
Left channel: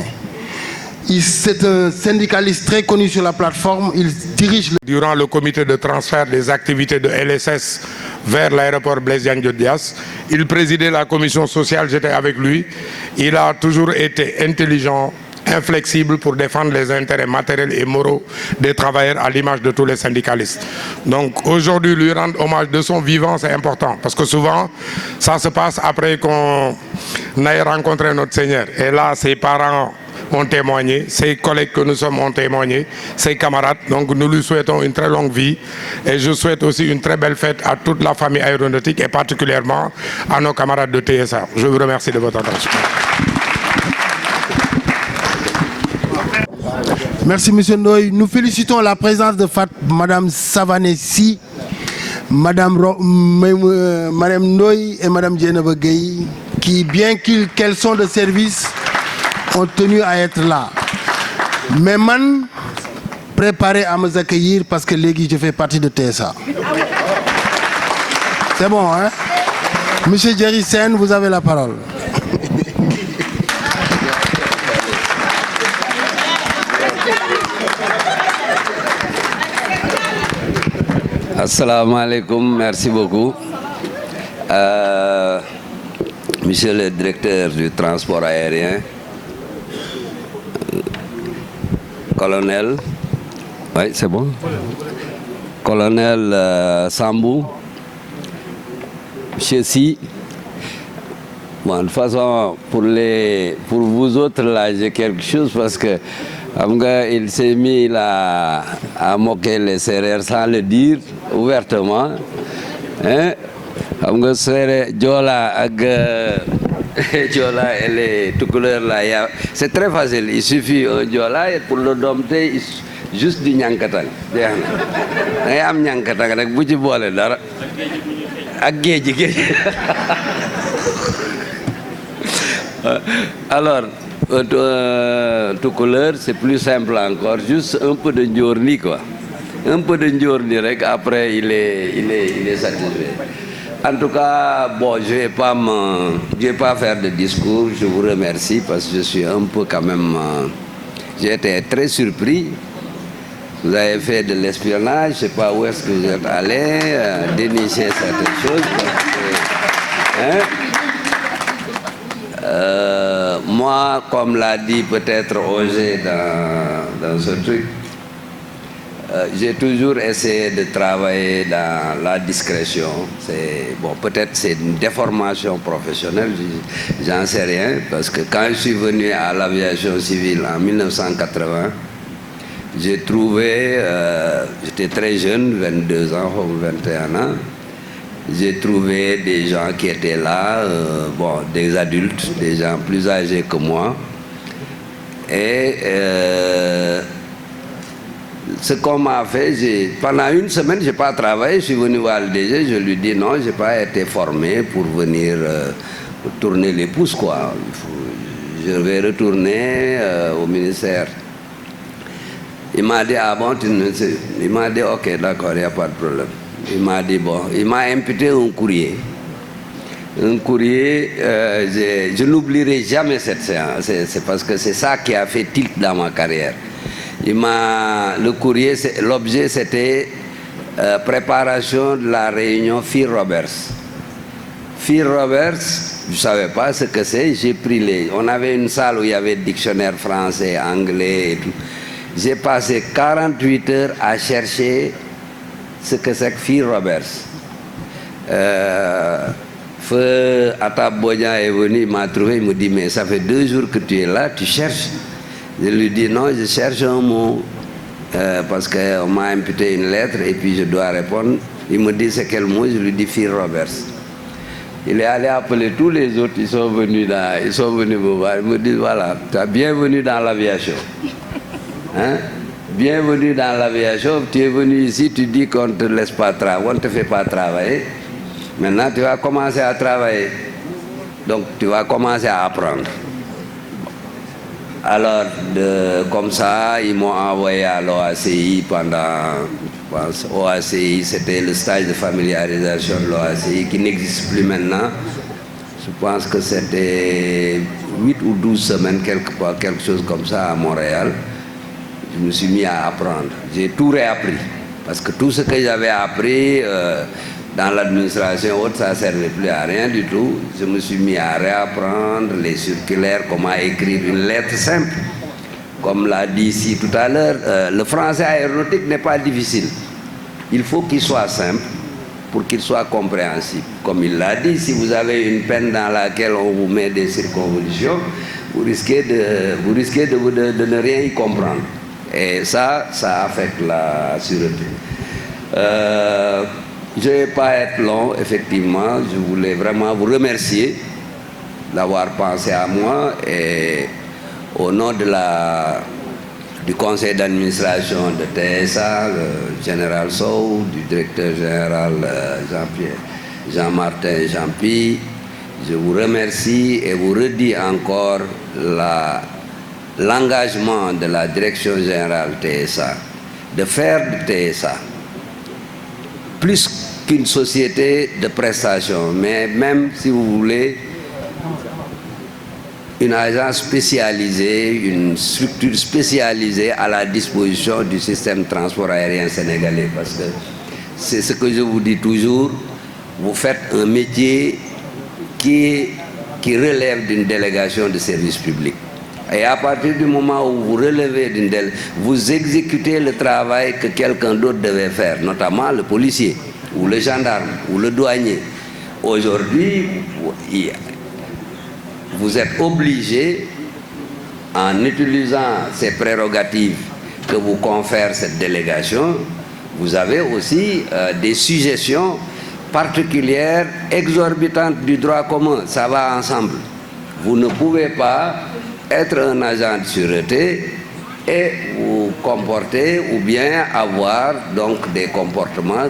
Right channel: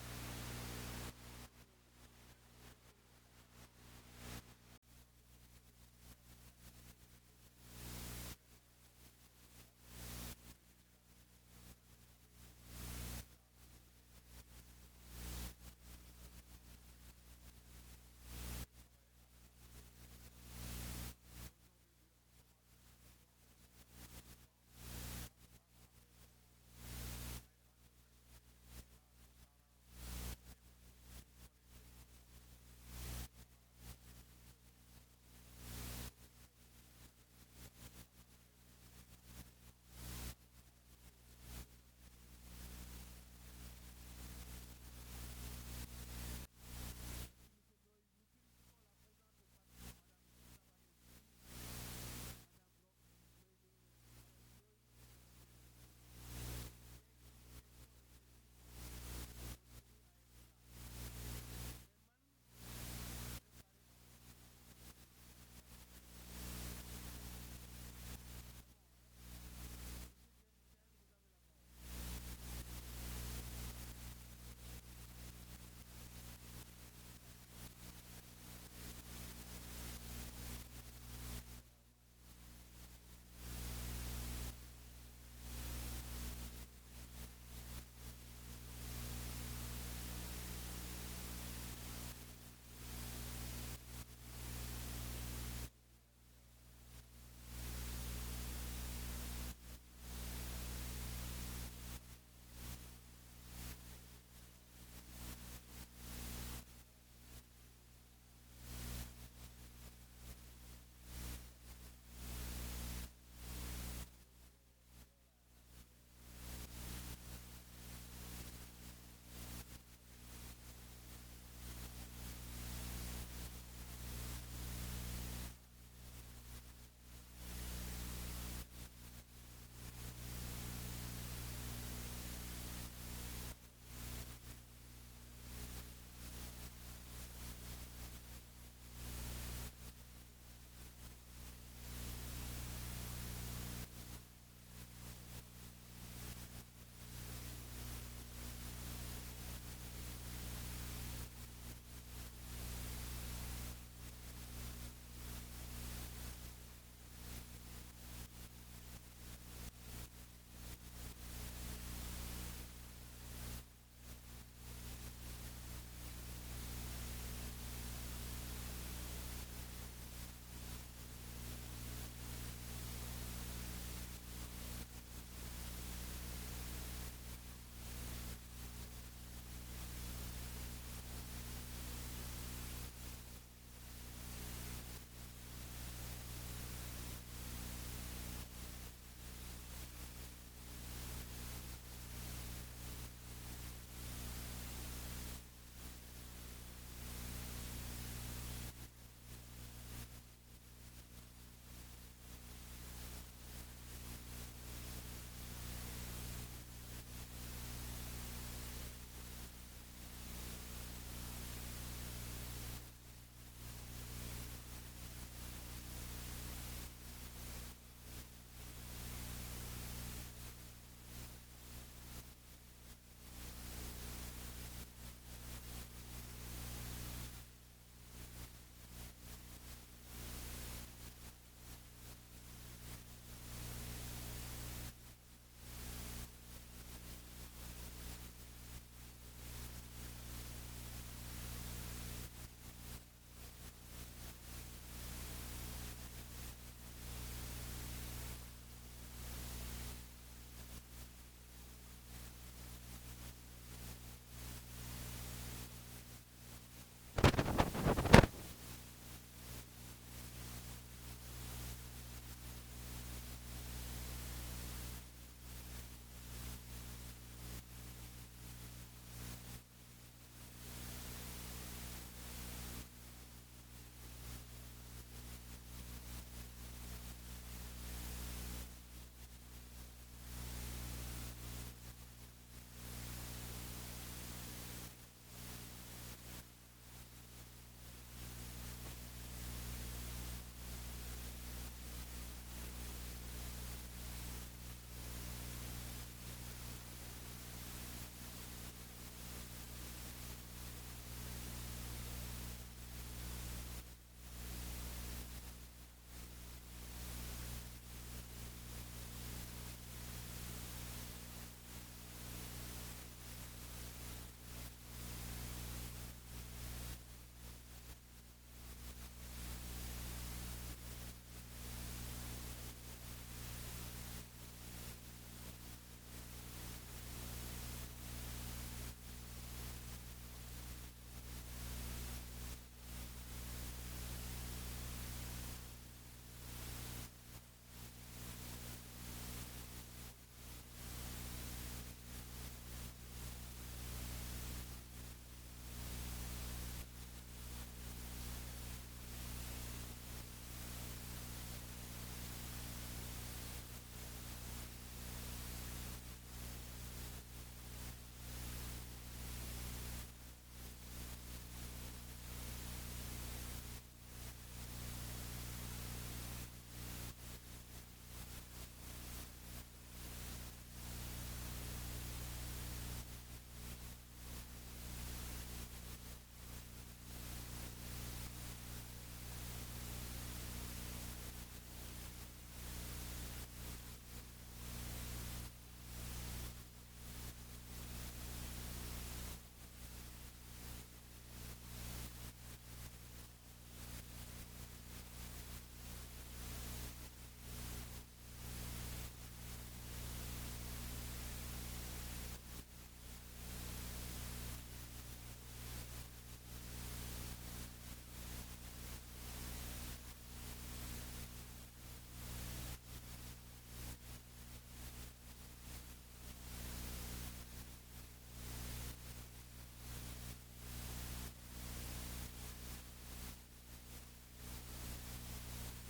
C'est un syndicaliste très connu sur la plateforme. Il dirige Durant le comité de transfert des activités de LSS vers l'aéroport Blaise Diagne Diass, il présidait la commission sociale, j'étais avec lui. Il a toujours été intelligent, inflexible pour défendre les intérêts matériels et moraux des travailleurs à l'image de tous les syndicalistes. Donc aujourd'hui, lui rendre hommage de son vivant, c'est important parce que souvent, ça se passe après qu'on ait rencontré notre Seigneur. Et là, ses parents ont témoigné, ses collègues que nous sommes ont témoigné, ses camarades. Donc nous lui souhaitons une très longue vie et je souhaite aussi une très belle fête à toute la famille aéronautique et particulièrement à nos camarades de TSA. Je vous remercie de votre attention. Merci M. Ndoye. Nous félicitons la présence de Mme Savané-Sy, Mme Ndoye et Mme Dieynaba Gueye, qui, bien qu'elles sont de service, ont tenu à être là. Mais man, préparé à me accueillir parce que légui je fais partie de TSA. C'est bon, hein? Monsieur Djery Sène, vous avez la parole. Assalamu alaikum, merci beaucoup. Monsieur le directeur du transport aérien, colonel, oui c'est bon, colonel Sambou, monsieur Si. Bon, de toute façon, pour vous autres, là, j'ai quelque chose parce que il s'est mis là à moquer les Sérères sans le dire ouvertement. Hein? Diola et les tout couleurs là, c'est très facile. Il suffit un Diola et pour le dompter, juste du Nyankatang. Am Nyankatang rek bu ci bolé dara ak géej. Alors, tout couleur, c'est plus simple encore, juste un peu de Ndiorni, quoi. Un peu de Ndiorni, après il est satisfait. En tout cas, bon, je vais pas faire de discours, je vous remercie parce que je suis un peu quand même, j'ai été très surpris. Vous avez fait de l'espionnage, je ne sais pas où est-ce que vous êtes allé, dénicher certaines choses. Moi, comme l'a dit peut-être Roger dans ce truc, j'ai toujours essayé de travailler dans la discrétion. Bon, peut-être c'est une déformation professionnelle, j'en sais rien, parce que quand je suis venu à l'aviation civile en 1980, j'ai trouvé, j'étais très jeune, 22 ans ou 21 ans, j'ai trouvé des gens qui étaient là, bon, des adultes, des gens plus âgés que moi. Et ce qu'on m'a fait, pendant une semaine, je n'ai pas travaillé, je suis venu voir le DG, je lui dis non, je n'ai pas été formé pour venir tourner les pouces, quoi. Je vais retourner au ministère. Il m'a dit, ah bon, il m'a dit, ok, d'accord, il n'y a pas de problème. Il m'a dit, bon, il m'a imputé un courrier. Un courrier, je n'oublierai jamais cette séance, c'est parce que c'est ça qui a fait tilt dans ma carrière. Le courrier, l'objet c'était préparation de la réunion Phil-Roberts. Phil-Roberts, je ne savais pas ce que c'est, j'ai pris on avait une salle où il y avait dictionnaire français, anglais et tout. J'ai passé 48 heures à chercher ce que c'est que Phil-Roberts. Feu Atab Boyan est venu, il m'a trouvé, il me dit, mais ça fait 2 jours que tu es là, tu cherches. Je lui dis, non, je cherche un mot, parce qu'on m'a imputé une lettre et puis je dois répondre. Il me dit, c'est quel mot? Je lui dis, Phil-Roberts. Il est allé appeler tous les autres, ils sont venus me voir. Ils me disent, voilà, tu es bienvenue dans l'aviation. Hein? Bienvenue dans l'aviation, tu es venu ici, tu dis qu'on ne te laisse pas travailler, on ne te fait pas travailler. Maintenant, tu vas commencer à travailler. Donc, tu vas commencer à apprendre. Alors, comme ça, ils m'ont envoyé à l'OACI pendant, je pense, OACI, c'était le stage de familiarisation de l'OACI qui n'existe plus maintenant. Je pense que c'était 8 ou 12 semaines, quelque chose comme ça à Montréal. Je me suis mis à apprendre. J'ai tout réappris. Parce que tout ce que j'avais appris dans l'administration haute, ça ne servait plus à rien du tout. Je me suis mis à réapprendre les circulaires, comment écrire une lettre simple. Comme l'a dit ici tout à l'heure, le français aéronautique n'est pas difficile. Il faut qu'il soit simple pour qu'il soit compréhensible. Comme il l'a dit, si vous avez une peine dans laquelle on vous met des circonvolutions, vous risquez de ne rien y comprendre. Et ça affecte la sûreté. Je ne vais pas être long, effectivement. Je voulais vraiment vous remercier d'avoir pensé à moi et au nom du conseil d'administration de TSA, le général Sow, du directeur général Jean-Martin Jean-Pi, je vous remercie et vous redis encore l'engagement de la direction générale TSA de faire de TSA plus qu'une société de prestations, mais même, si vous voulez, une agence spécialisée, une structure spécialisée à la disposition du système de transport aérien sénégalais. Parce que c'est ce que je vous dis toujours, vous faites un métier qui relève d'une délégation de service public. Et à partir du moment où vous relevez d'une délégation, vous exécutez le travail que quelqu'un d'autre devait faire, notamment le policier, ou le gendarme, ou le douanier. Aujourd'hui, vous êtes obligé, en utilisant ces prérogatives que vous confère cette délégation, vous avez aussi des suggestions particulières, exorbitantes du droit commun. Ça va ensemble. Vous ne pouvez pas être un agent de sûreté et vous comporter ou bien avoir donc des comportements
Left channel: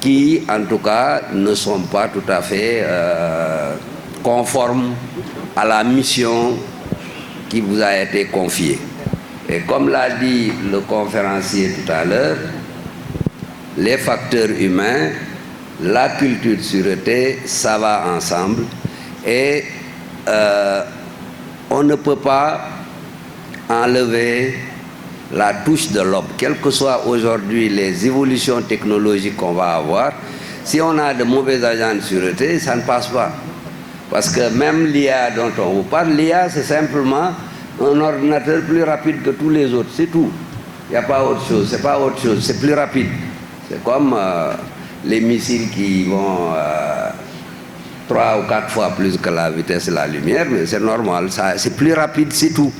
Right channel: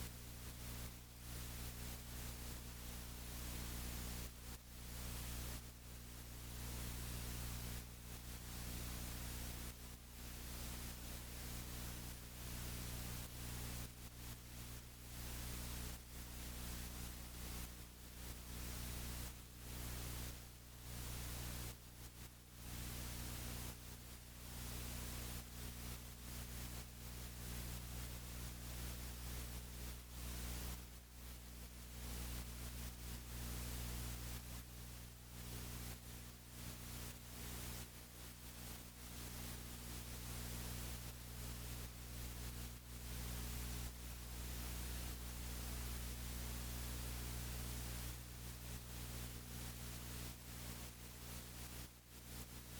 qui, en tout cas, ne sont pas tout à fait conformes à la mission qui vous a été confiée. Et comme l'a dit le conférencier tout à l'heure, les facteurs humains, la culture de sûreté, ça va ensemble. Et on ne peut pas enlever la touche de l'homme, quelles que soient aujourd'hui les évolutions technologiques qu'on va avoir. Si on a de mauvais agents de sûreté, ça ne passe pas. Parce que même l'IA dont on vous parle, l'IA c'est simplement un ordinateur plus rapide que tous les autres, c'est tout. Il n'y a pas autre chose, c'est pas autre chose, c'est plus rapide. C'est comme les missiles qui vont 3 ou 4 fois plus que la vitesse de la lumière, mais c'est normal, c'est plus rapide, c'est tout.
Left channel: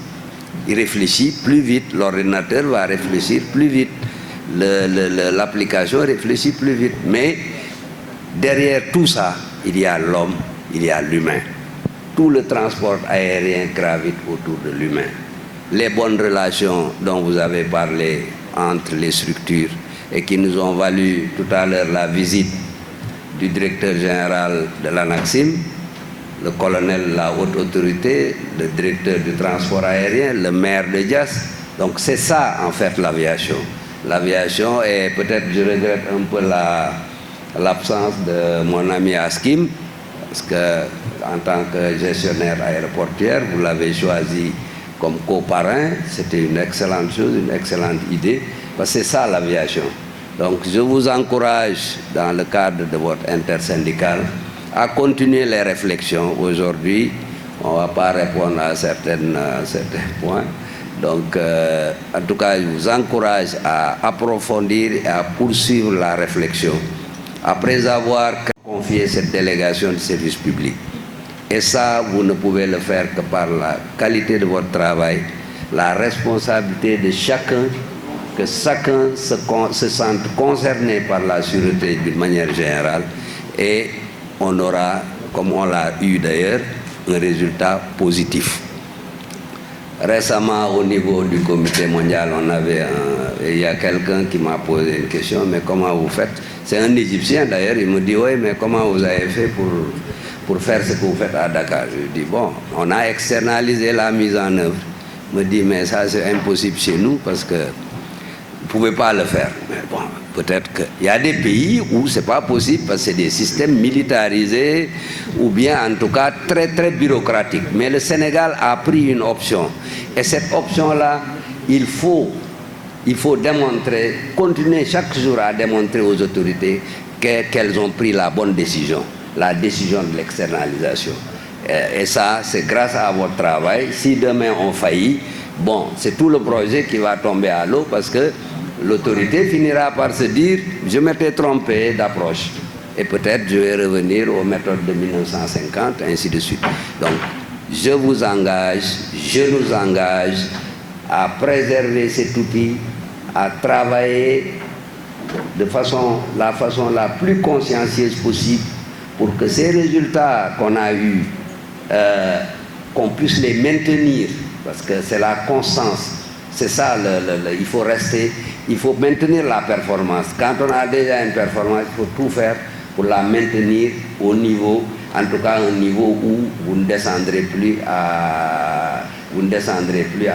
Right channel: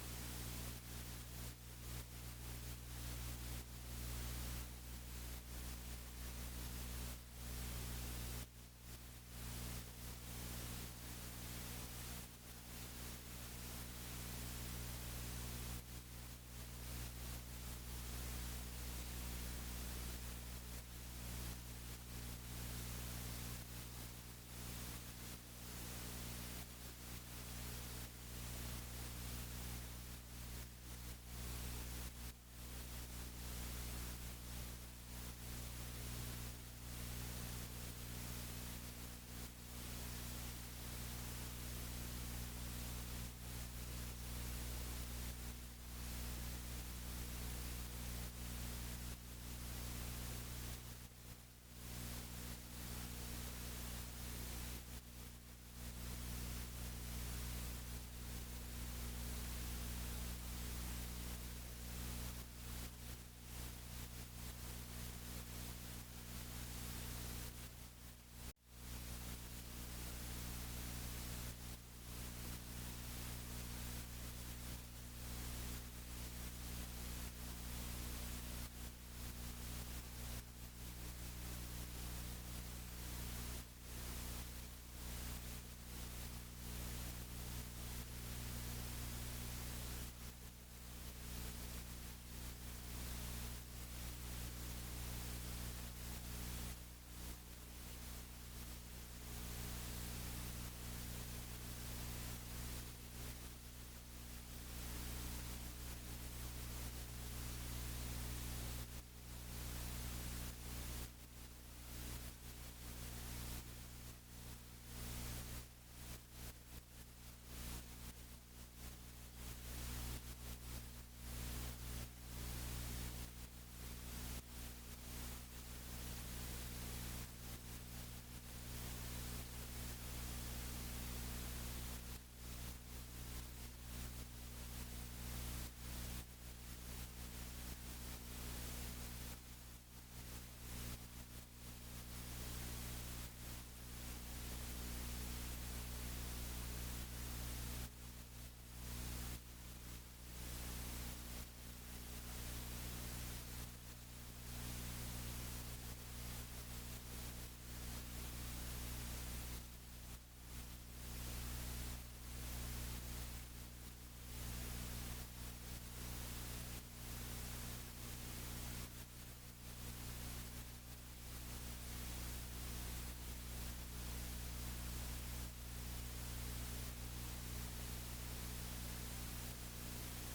il réfléchit plus vite, l'ordinateur va réfléchir plus vite, l'application réfléchit plus vite. Mais derrière tout ça, il y a l'homme, il y a l'humain. Tout le transport aérien gravite autour de l'humain. Les bonnes relations dont vous avez parlé entre les structures et qui nous ont valu tout à l'heure la visite du directeur général de l'ANACSIM, le colonel de la haute autorité, le directeur du transport aérien, le maire de Diass. Donc c'est ça en fait l'aviation. L'aviation, et peut-être je regrette un peu l'absence de mon ami Askim, parce que en tant que gestionnaire aéroportuaire, vous l'avez choisi comme coparrain. C'était une excellente chose, une excellente idée, parce que c'est ça l'aviation. Donc je vous encourage, dans le cadre de votre intersyndicale, à continuer les réflexions. Aujourd'hui, on ne va pas répondre à certains points. Donc, en tout cas, je vous encourage à approfondir et à poursuivre la réflexion après avoir confié cette délégation de service public. Et ça, vous ne pouvez le faire que par la qualité de votre travail, la responsabilité de chacun, que chacun se sente concerné par la sûreté d'une manière générale, et on aura, comme on l'a eu d'ailleurs, un résultat positif. Récemment, au niveau du comité mondial, il y a quelqu'un qui m'a posé une question, mais comment vous faites? C'est un Égyptien d'ailleurs, il me dit, oui, mais comment vous avez fait pour faire ce que vous faites à Dakar? Je lui dis, bon, on a externalisé la mise en œuvre. Il me dit, mais ça c'est impossible chez nous parce que vous ne pouvez pas le faire. Mais bon, peut-être qu'il y a des pays où ce n'est pas possible parce que c'est des systèmes militarisés ou bien en tout cas très très bureaucratiques. Mais le Sénégal a pris une option. Et cette option-là, il faut démontrer, continuer chaque jour à démontrer aux autorités qu'elles ont pris la bonne décision, la décision de l'externalisation. Et ça, c'est grâce à votre travail. Si demain on faillit, bon, c'est tout le projet qui va tomber à l'eau parce que l'autorité finira par se dire « je m'étais trompé d'approche et peut-être je vais revenir aux méthodes de 1950, ainsi de suite ». Donc, je vous engage, je nous engage à préserver cet outil, à travailler de la façon la plus consciencieuse possible pour que ces résultats qu'on a eus, qu'on puisse les maintenir, parce que c'est la constance. C'est ça, il faut rester, il faut maintenir la performance. Quand on a déjà une performance, il faut tout faire pour la maintenir au niveau, en tout cas un niveau où vous ne descendrez plus à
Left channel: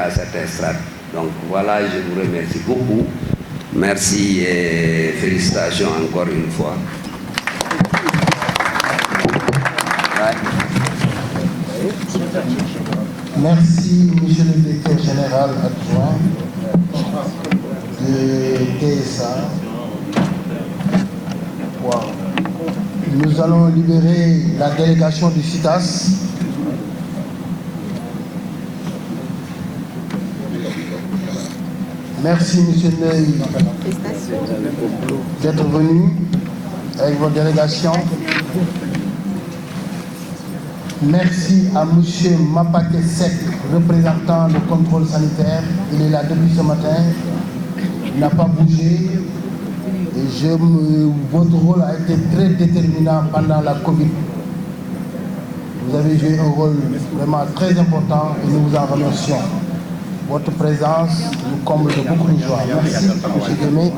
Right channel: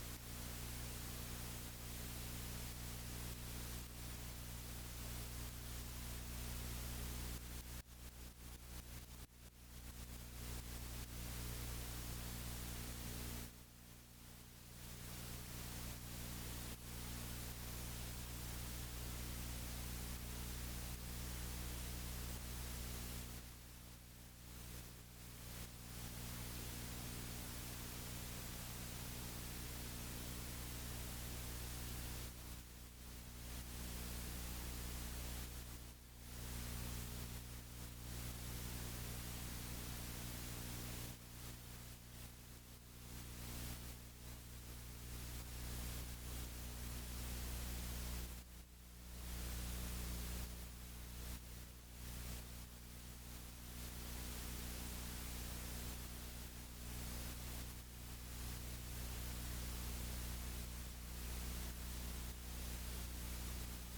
certains strates. Donc voilà, je vous remercie beaucoup. Merci et félicitations encore une fois. Merci, monsieur le directeur général adjoint de TSA. Wow. Nous allons libérer la délégation du CITAS. Merci, monsieur Ney, d'être venu avec votre délégation. Merci à M. Mapake Sek, représentant le contrôle sanitaire. Il est là depuis ce matin. Il n'a pas bougé. Et votre rôle a été très déterminant pendant la Covid. Vous avez joué un rôle vraiment très important et nous vous en remercions. Votre présence nous comble de beaucoup de joie. Merci, M. Guémé.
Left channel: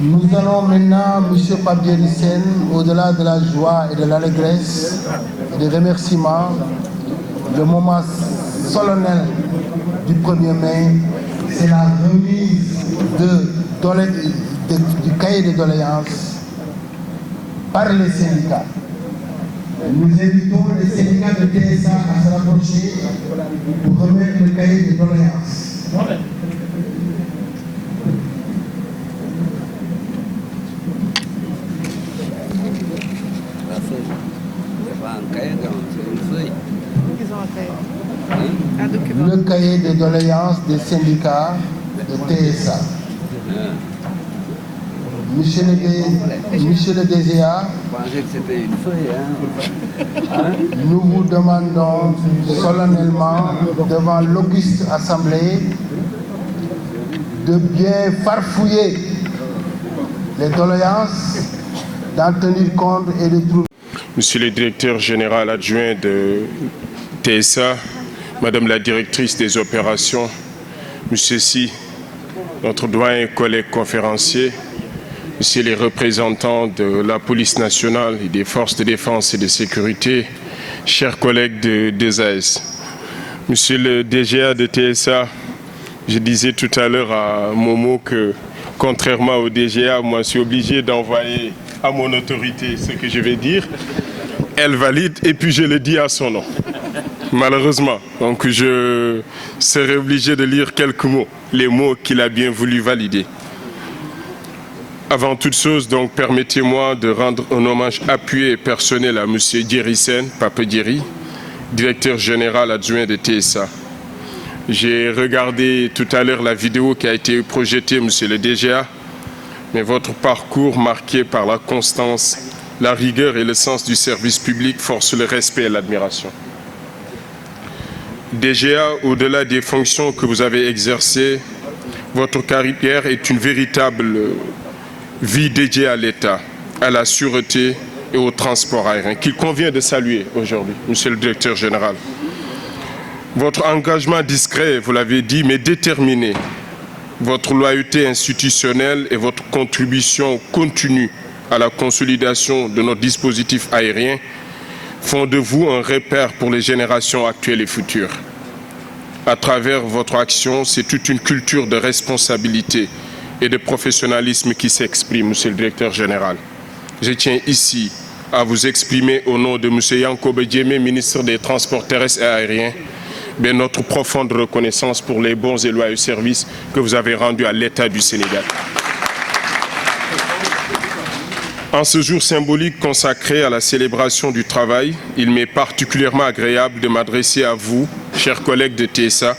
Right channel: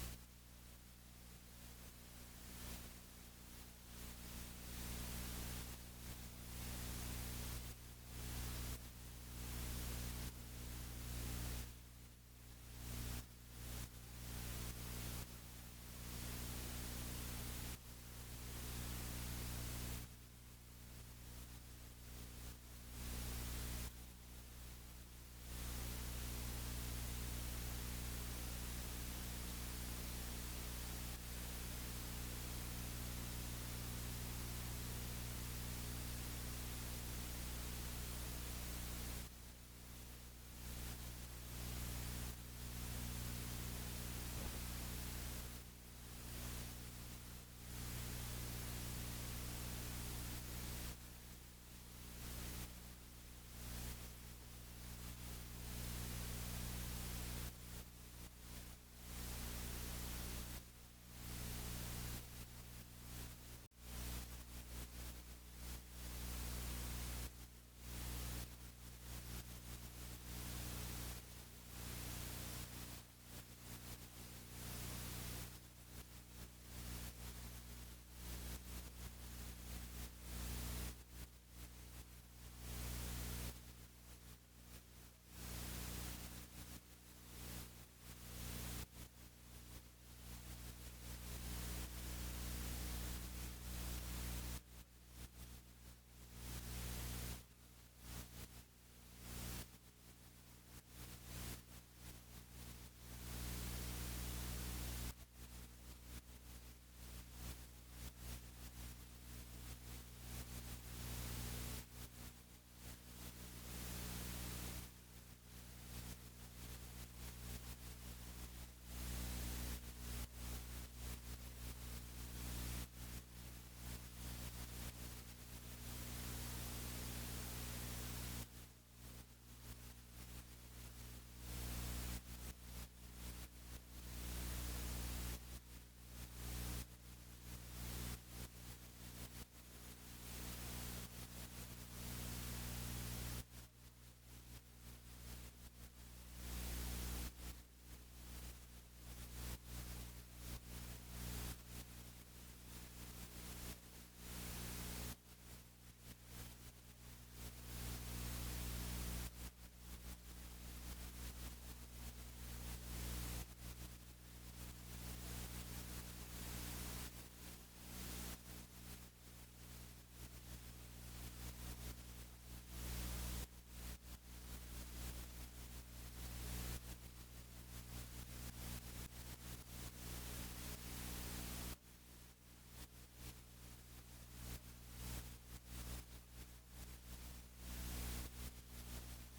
Nous allons maintenant, M. Pabier Lycène, au-delà de la joie et de l'allégresse et des remerciements, le moment solennel du 1er mai, c'est la remise du cahier de doléances par les syndicats. Nous invitons les syndicats de TSA à se rapprocher pour remettre le cahier de doléances. Le cahier de doléances des syndicats de TSA. Monsieur le DGA, nous vous demandons solennellement devant l'auguste Assemblée de bien farfouiller les doléances, d'en tenir compte et de trouver. Monsieur le directeur général adjoint de TSA, Madame la directrice des opérations, Monsieur Si, notre doyen et collègue conférencier, Monsieur les représentants de la police nationale et des forces de défense et de sécurité, chers collègues des AS. Monsieur le DGA de TSA, je disais tout à l'heure à Momo que, contrairement au DGA, moi je suis obligé d'envoyer à mon autorité ce que je vais dire. Elle valide et puis je le dis à son nom. Malheureusement, donc je serai obligé de lire quelques mots, les mots qu'il a bien voulu valider. Avant toute chose, donc, permettez-moi de rendre un hommage appuyé et personnel à M. Djeri Sen, Pape Djeri, directeur général adjoint de TSA. J'ai regardé tout à l'heure la vidéo qui a été projetée, M. le DGA, mais votre parcours marqué par la constance, la rigueur et le sens du service public force le respect et l'admiration. DGA, au-delà des fonctions que vous avez exercées, votre carrière est une véritable vie dédiée à l'État, à la sûreté et au transport aérien, qu'il convient de saluer aujourd'hui, Monsieur le directeur général. Votre engagement discret, vous l'avez dit, mais déterminé, votre loyauté institutionnelle et votre contribution continue à la consolidation de notre dispositif aérien font de vous un repère pour les générations actuelles et futures. À travers votre action, c'est toute une culture de responsabilité et de professionnalisme qui s'exprime, Monsieur le directeur général. Je tiens ici à vous exprimer au nom de M. Yankoba Diémé, ministre des Transports terrestres et aériens, notre profonde reconnaissance pour les bons et loyaux services que vous avez rendus à l'État du Sénégal. En ce jour symbolique consacré à la célébration du travail, il m'est particulièrement agréable de m'adresser à vous, chers collègues de TSA,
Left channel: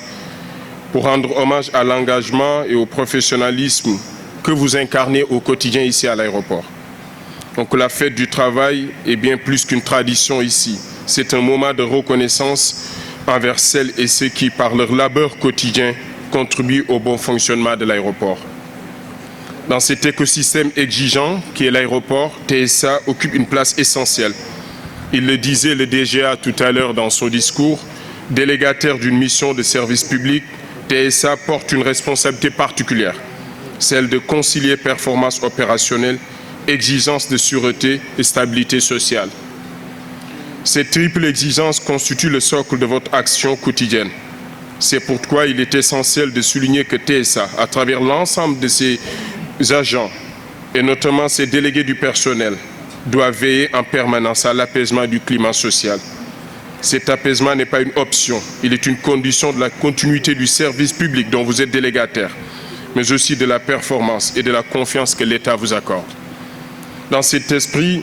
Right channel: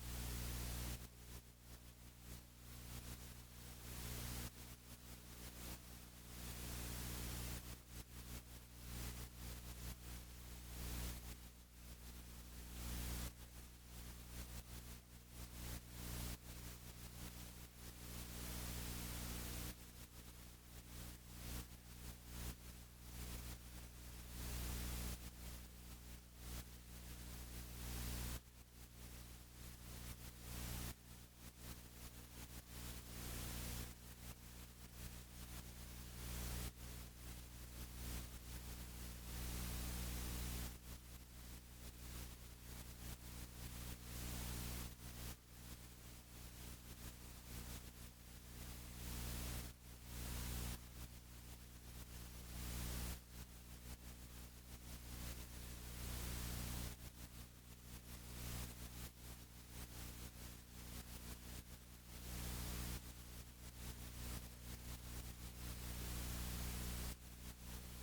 pour rendre hommage à l'engagement et au professionnalisme que vous incarnez au quotidien ici à l'aéroport. Donc la fête du travail est bien plus qu'une tradition ici. C'est un moment de reconnaissance envers celles et ceux qui, par leur labeur quotidien, contribuent au bon fonctionnement de l'aéroport. Dans cet écosystème exigeant qui est l'aéroport, TSA occupe une place essentielle. Il le disait le DGA tout à l'heure dans son discours, délégataire d'une mission de service public, TSA porte une responsabilité particulière, celle de concilier performance opérationnelle, exigence de sûreté et stabilité sociale. Cette triple exigence constitue le socle de votre action quotidienne. C'est pourquoi il est essentiel de souligner que TSA, à travers l'ensemble de ses agents, et notamment ses délégués du personnel, doit veiller en permanence à l'apaisement du climat social. Cet apaisement n'est pas une option, il est une condition de la continuité du service public dont vous êtes délégataire, mais aussi de la performance et de la confiance que l'État vous accorde. Dans cet esprit,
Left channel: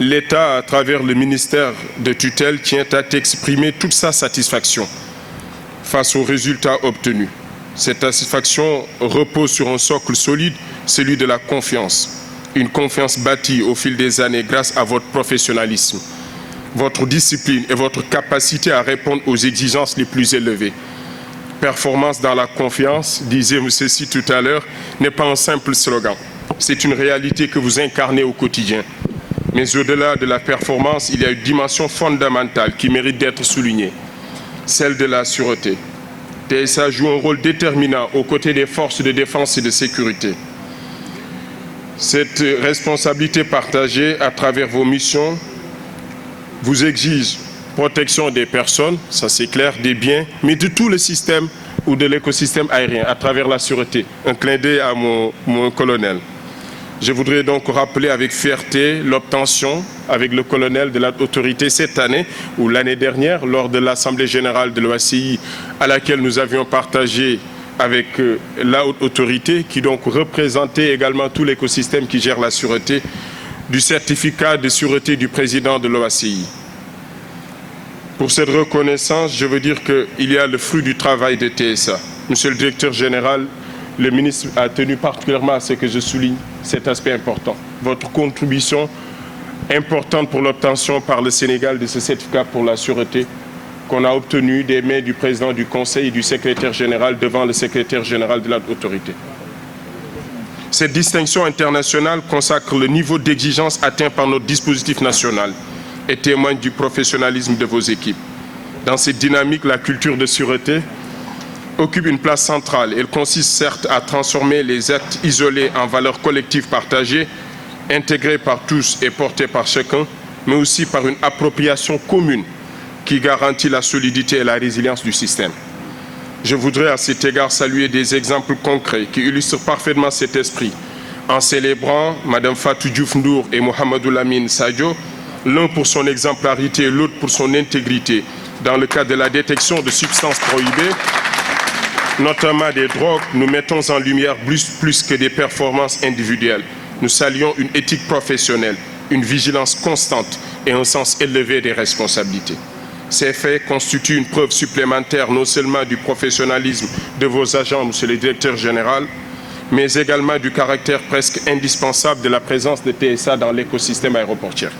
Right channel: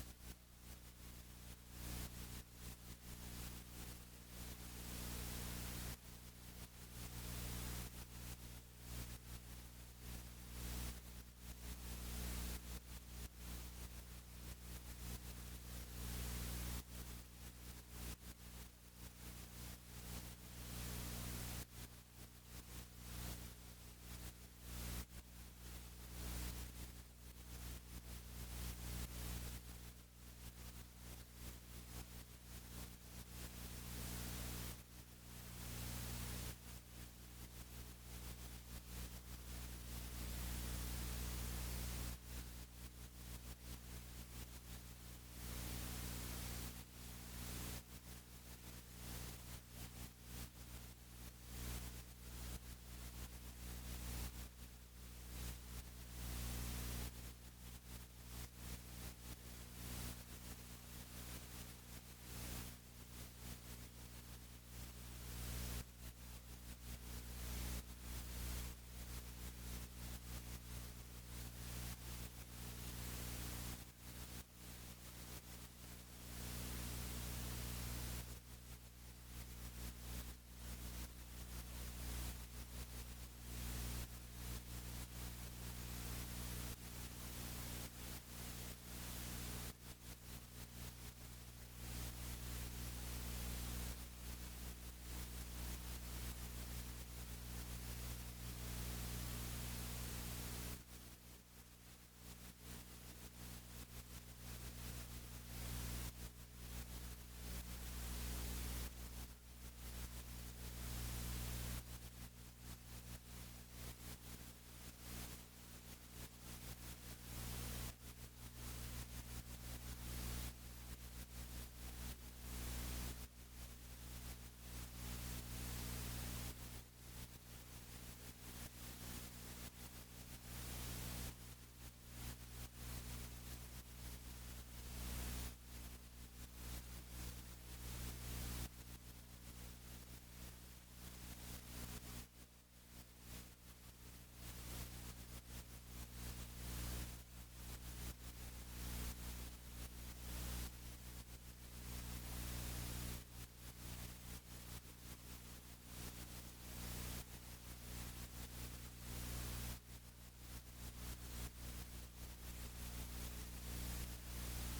l'État, à travers le ministère de tutelle, tient à exprimer toute sa satisfaction face aux résultats obtenus. Cette satisfaction repose sur un socle solide, celui de la confiance. Une confiance bâtie au fil des années grâce à votre professionnalisme, votre discipline et votre capacité à répondre aux exigences les plus élevées. Performance dans la confiance, disait M. Si tout à l'heure, n'est pas un simple slogan. C'est une réalité que vous incarnez au quotidien. Mais au-delà de la performance, il y a une dimension fondamentale qui mérite d'être soulignée, celle de la sûreté. TSA joue un rôle déterminant aux côtés des forces de défense et de sécurité. Cette responsabilité partagée à travers vos missions vous exige protection des personnes, ça c'est clair, des biens, mais de tout le système ou de l'écosystème aérien à travers la sûreté. Un clin d'œil à mon colonel. Je voudrais donc rappeler avec fierté l'obtention avec le colonel de l'autorité cette année ou l'année dernière lors de l'Assemblée générale de l'OACI à laquelle nous avions partagé avec la haute autorité qui donc représentait également tout l'écosystème qui gère la sûreté du certificat de sûreté du président de l'OACI. Pour cette reconnaissance, je veux dire qu'il y a le fruit du travail de TSA. Monsieur le directeur général, le ministre a tenu particulièrement à ce que je souligne cet aspect important. Votre contribution importante pour l'obtention par le Sénégal de ce certificat pour la sûreté qu'on a obtenu des mains du président du Conseil et du secrétaire général devant le secrétaire général de l'autorité. Cette distinction internationale consacre le niveau d'exigence atteint par notre dispositif national et témoigne du professionnalisme de vos équipes. Dans cette dynamique, la culture de sûreté occupe une place centrale. Elle consiste certes à transformer les actes isolés en valeurs collectives partagées, intégrées par tous et portées par chacun, mais aussi par une appropriation commune qui garantit la solidité et la résilience du système. Je voudrais à cet égard saluer des exemples concrets qui illustrent parfaitement cet esprit en célébrant Mme Fatou Diouf Ndour et Mohamedou Lamine Sadio, l'un pour son exemplarité et l'autre pour son intégrité dans le cadre de la détection de substances prohibées, notamment des drogues. Nous mettons en lumière plus que des performances individuelles. Nous saluons une éthique professionnelle, une vigilance constante et un sens élevé des responsabilités. Ces faits constituent une preuve supplémentaire non seulement du professionnalisme de vos agents, monsieur le directeur général, mais également du caractère presque indispensable de la présence de TSA dans l'écosystème aéroportuaire.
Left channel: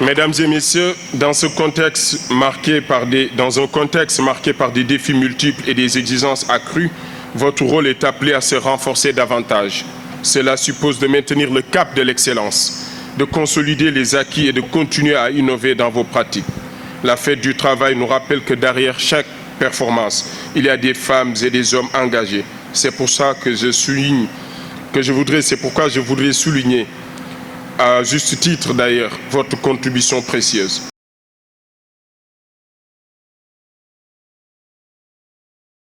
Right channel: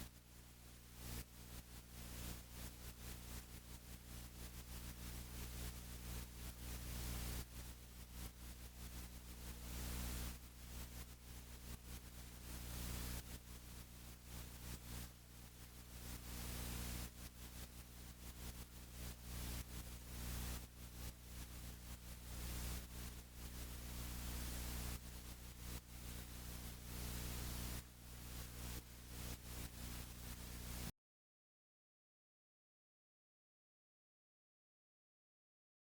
Mesdames et messieurs, dans un contexte marqué par des défis multiples et des exigences accrues, votre rôle est appelé à se renforcer davantage. Cela suppose de maintenir le cap de l'excellence, de consolider les acquis et de continuer à innover dans vos pratiques. La fête du travail nous rappelle que derrière chaque performance, il y a des femmes et des hommes engagés. C'est pour ça que c'est pourquoi je voudrais souligner, à juste titre d'ailleurs, votre contribution précieuse.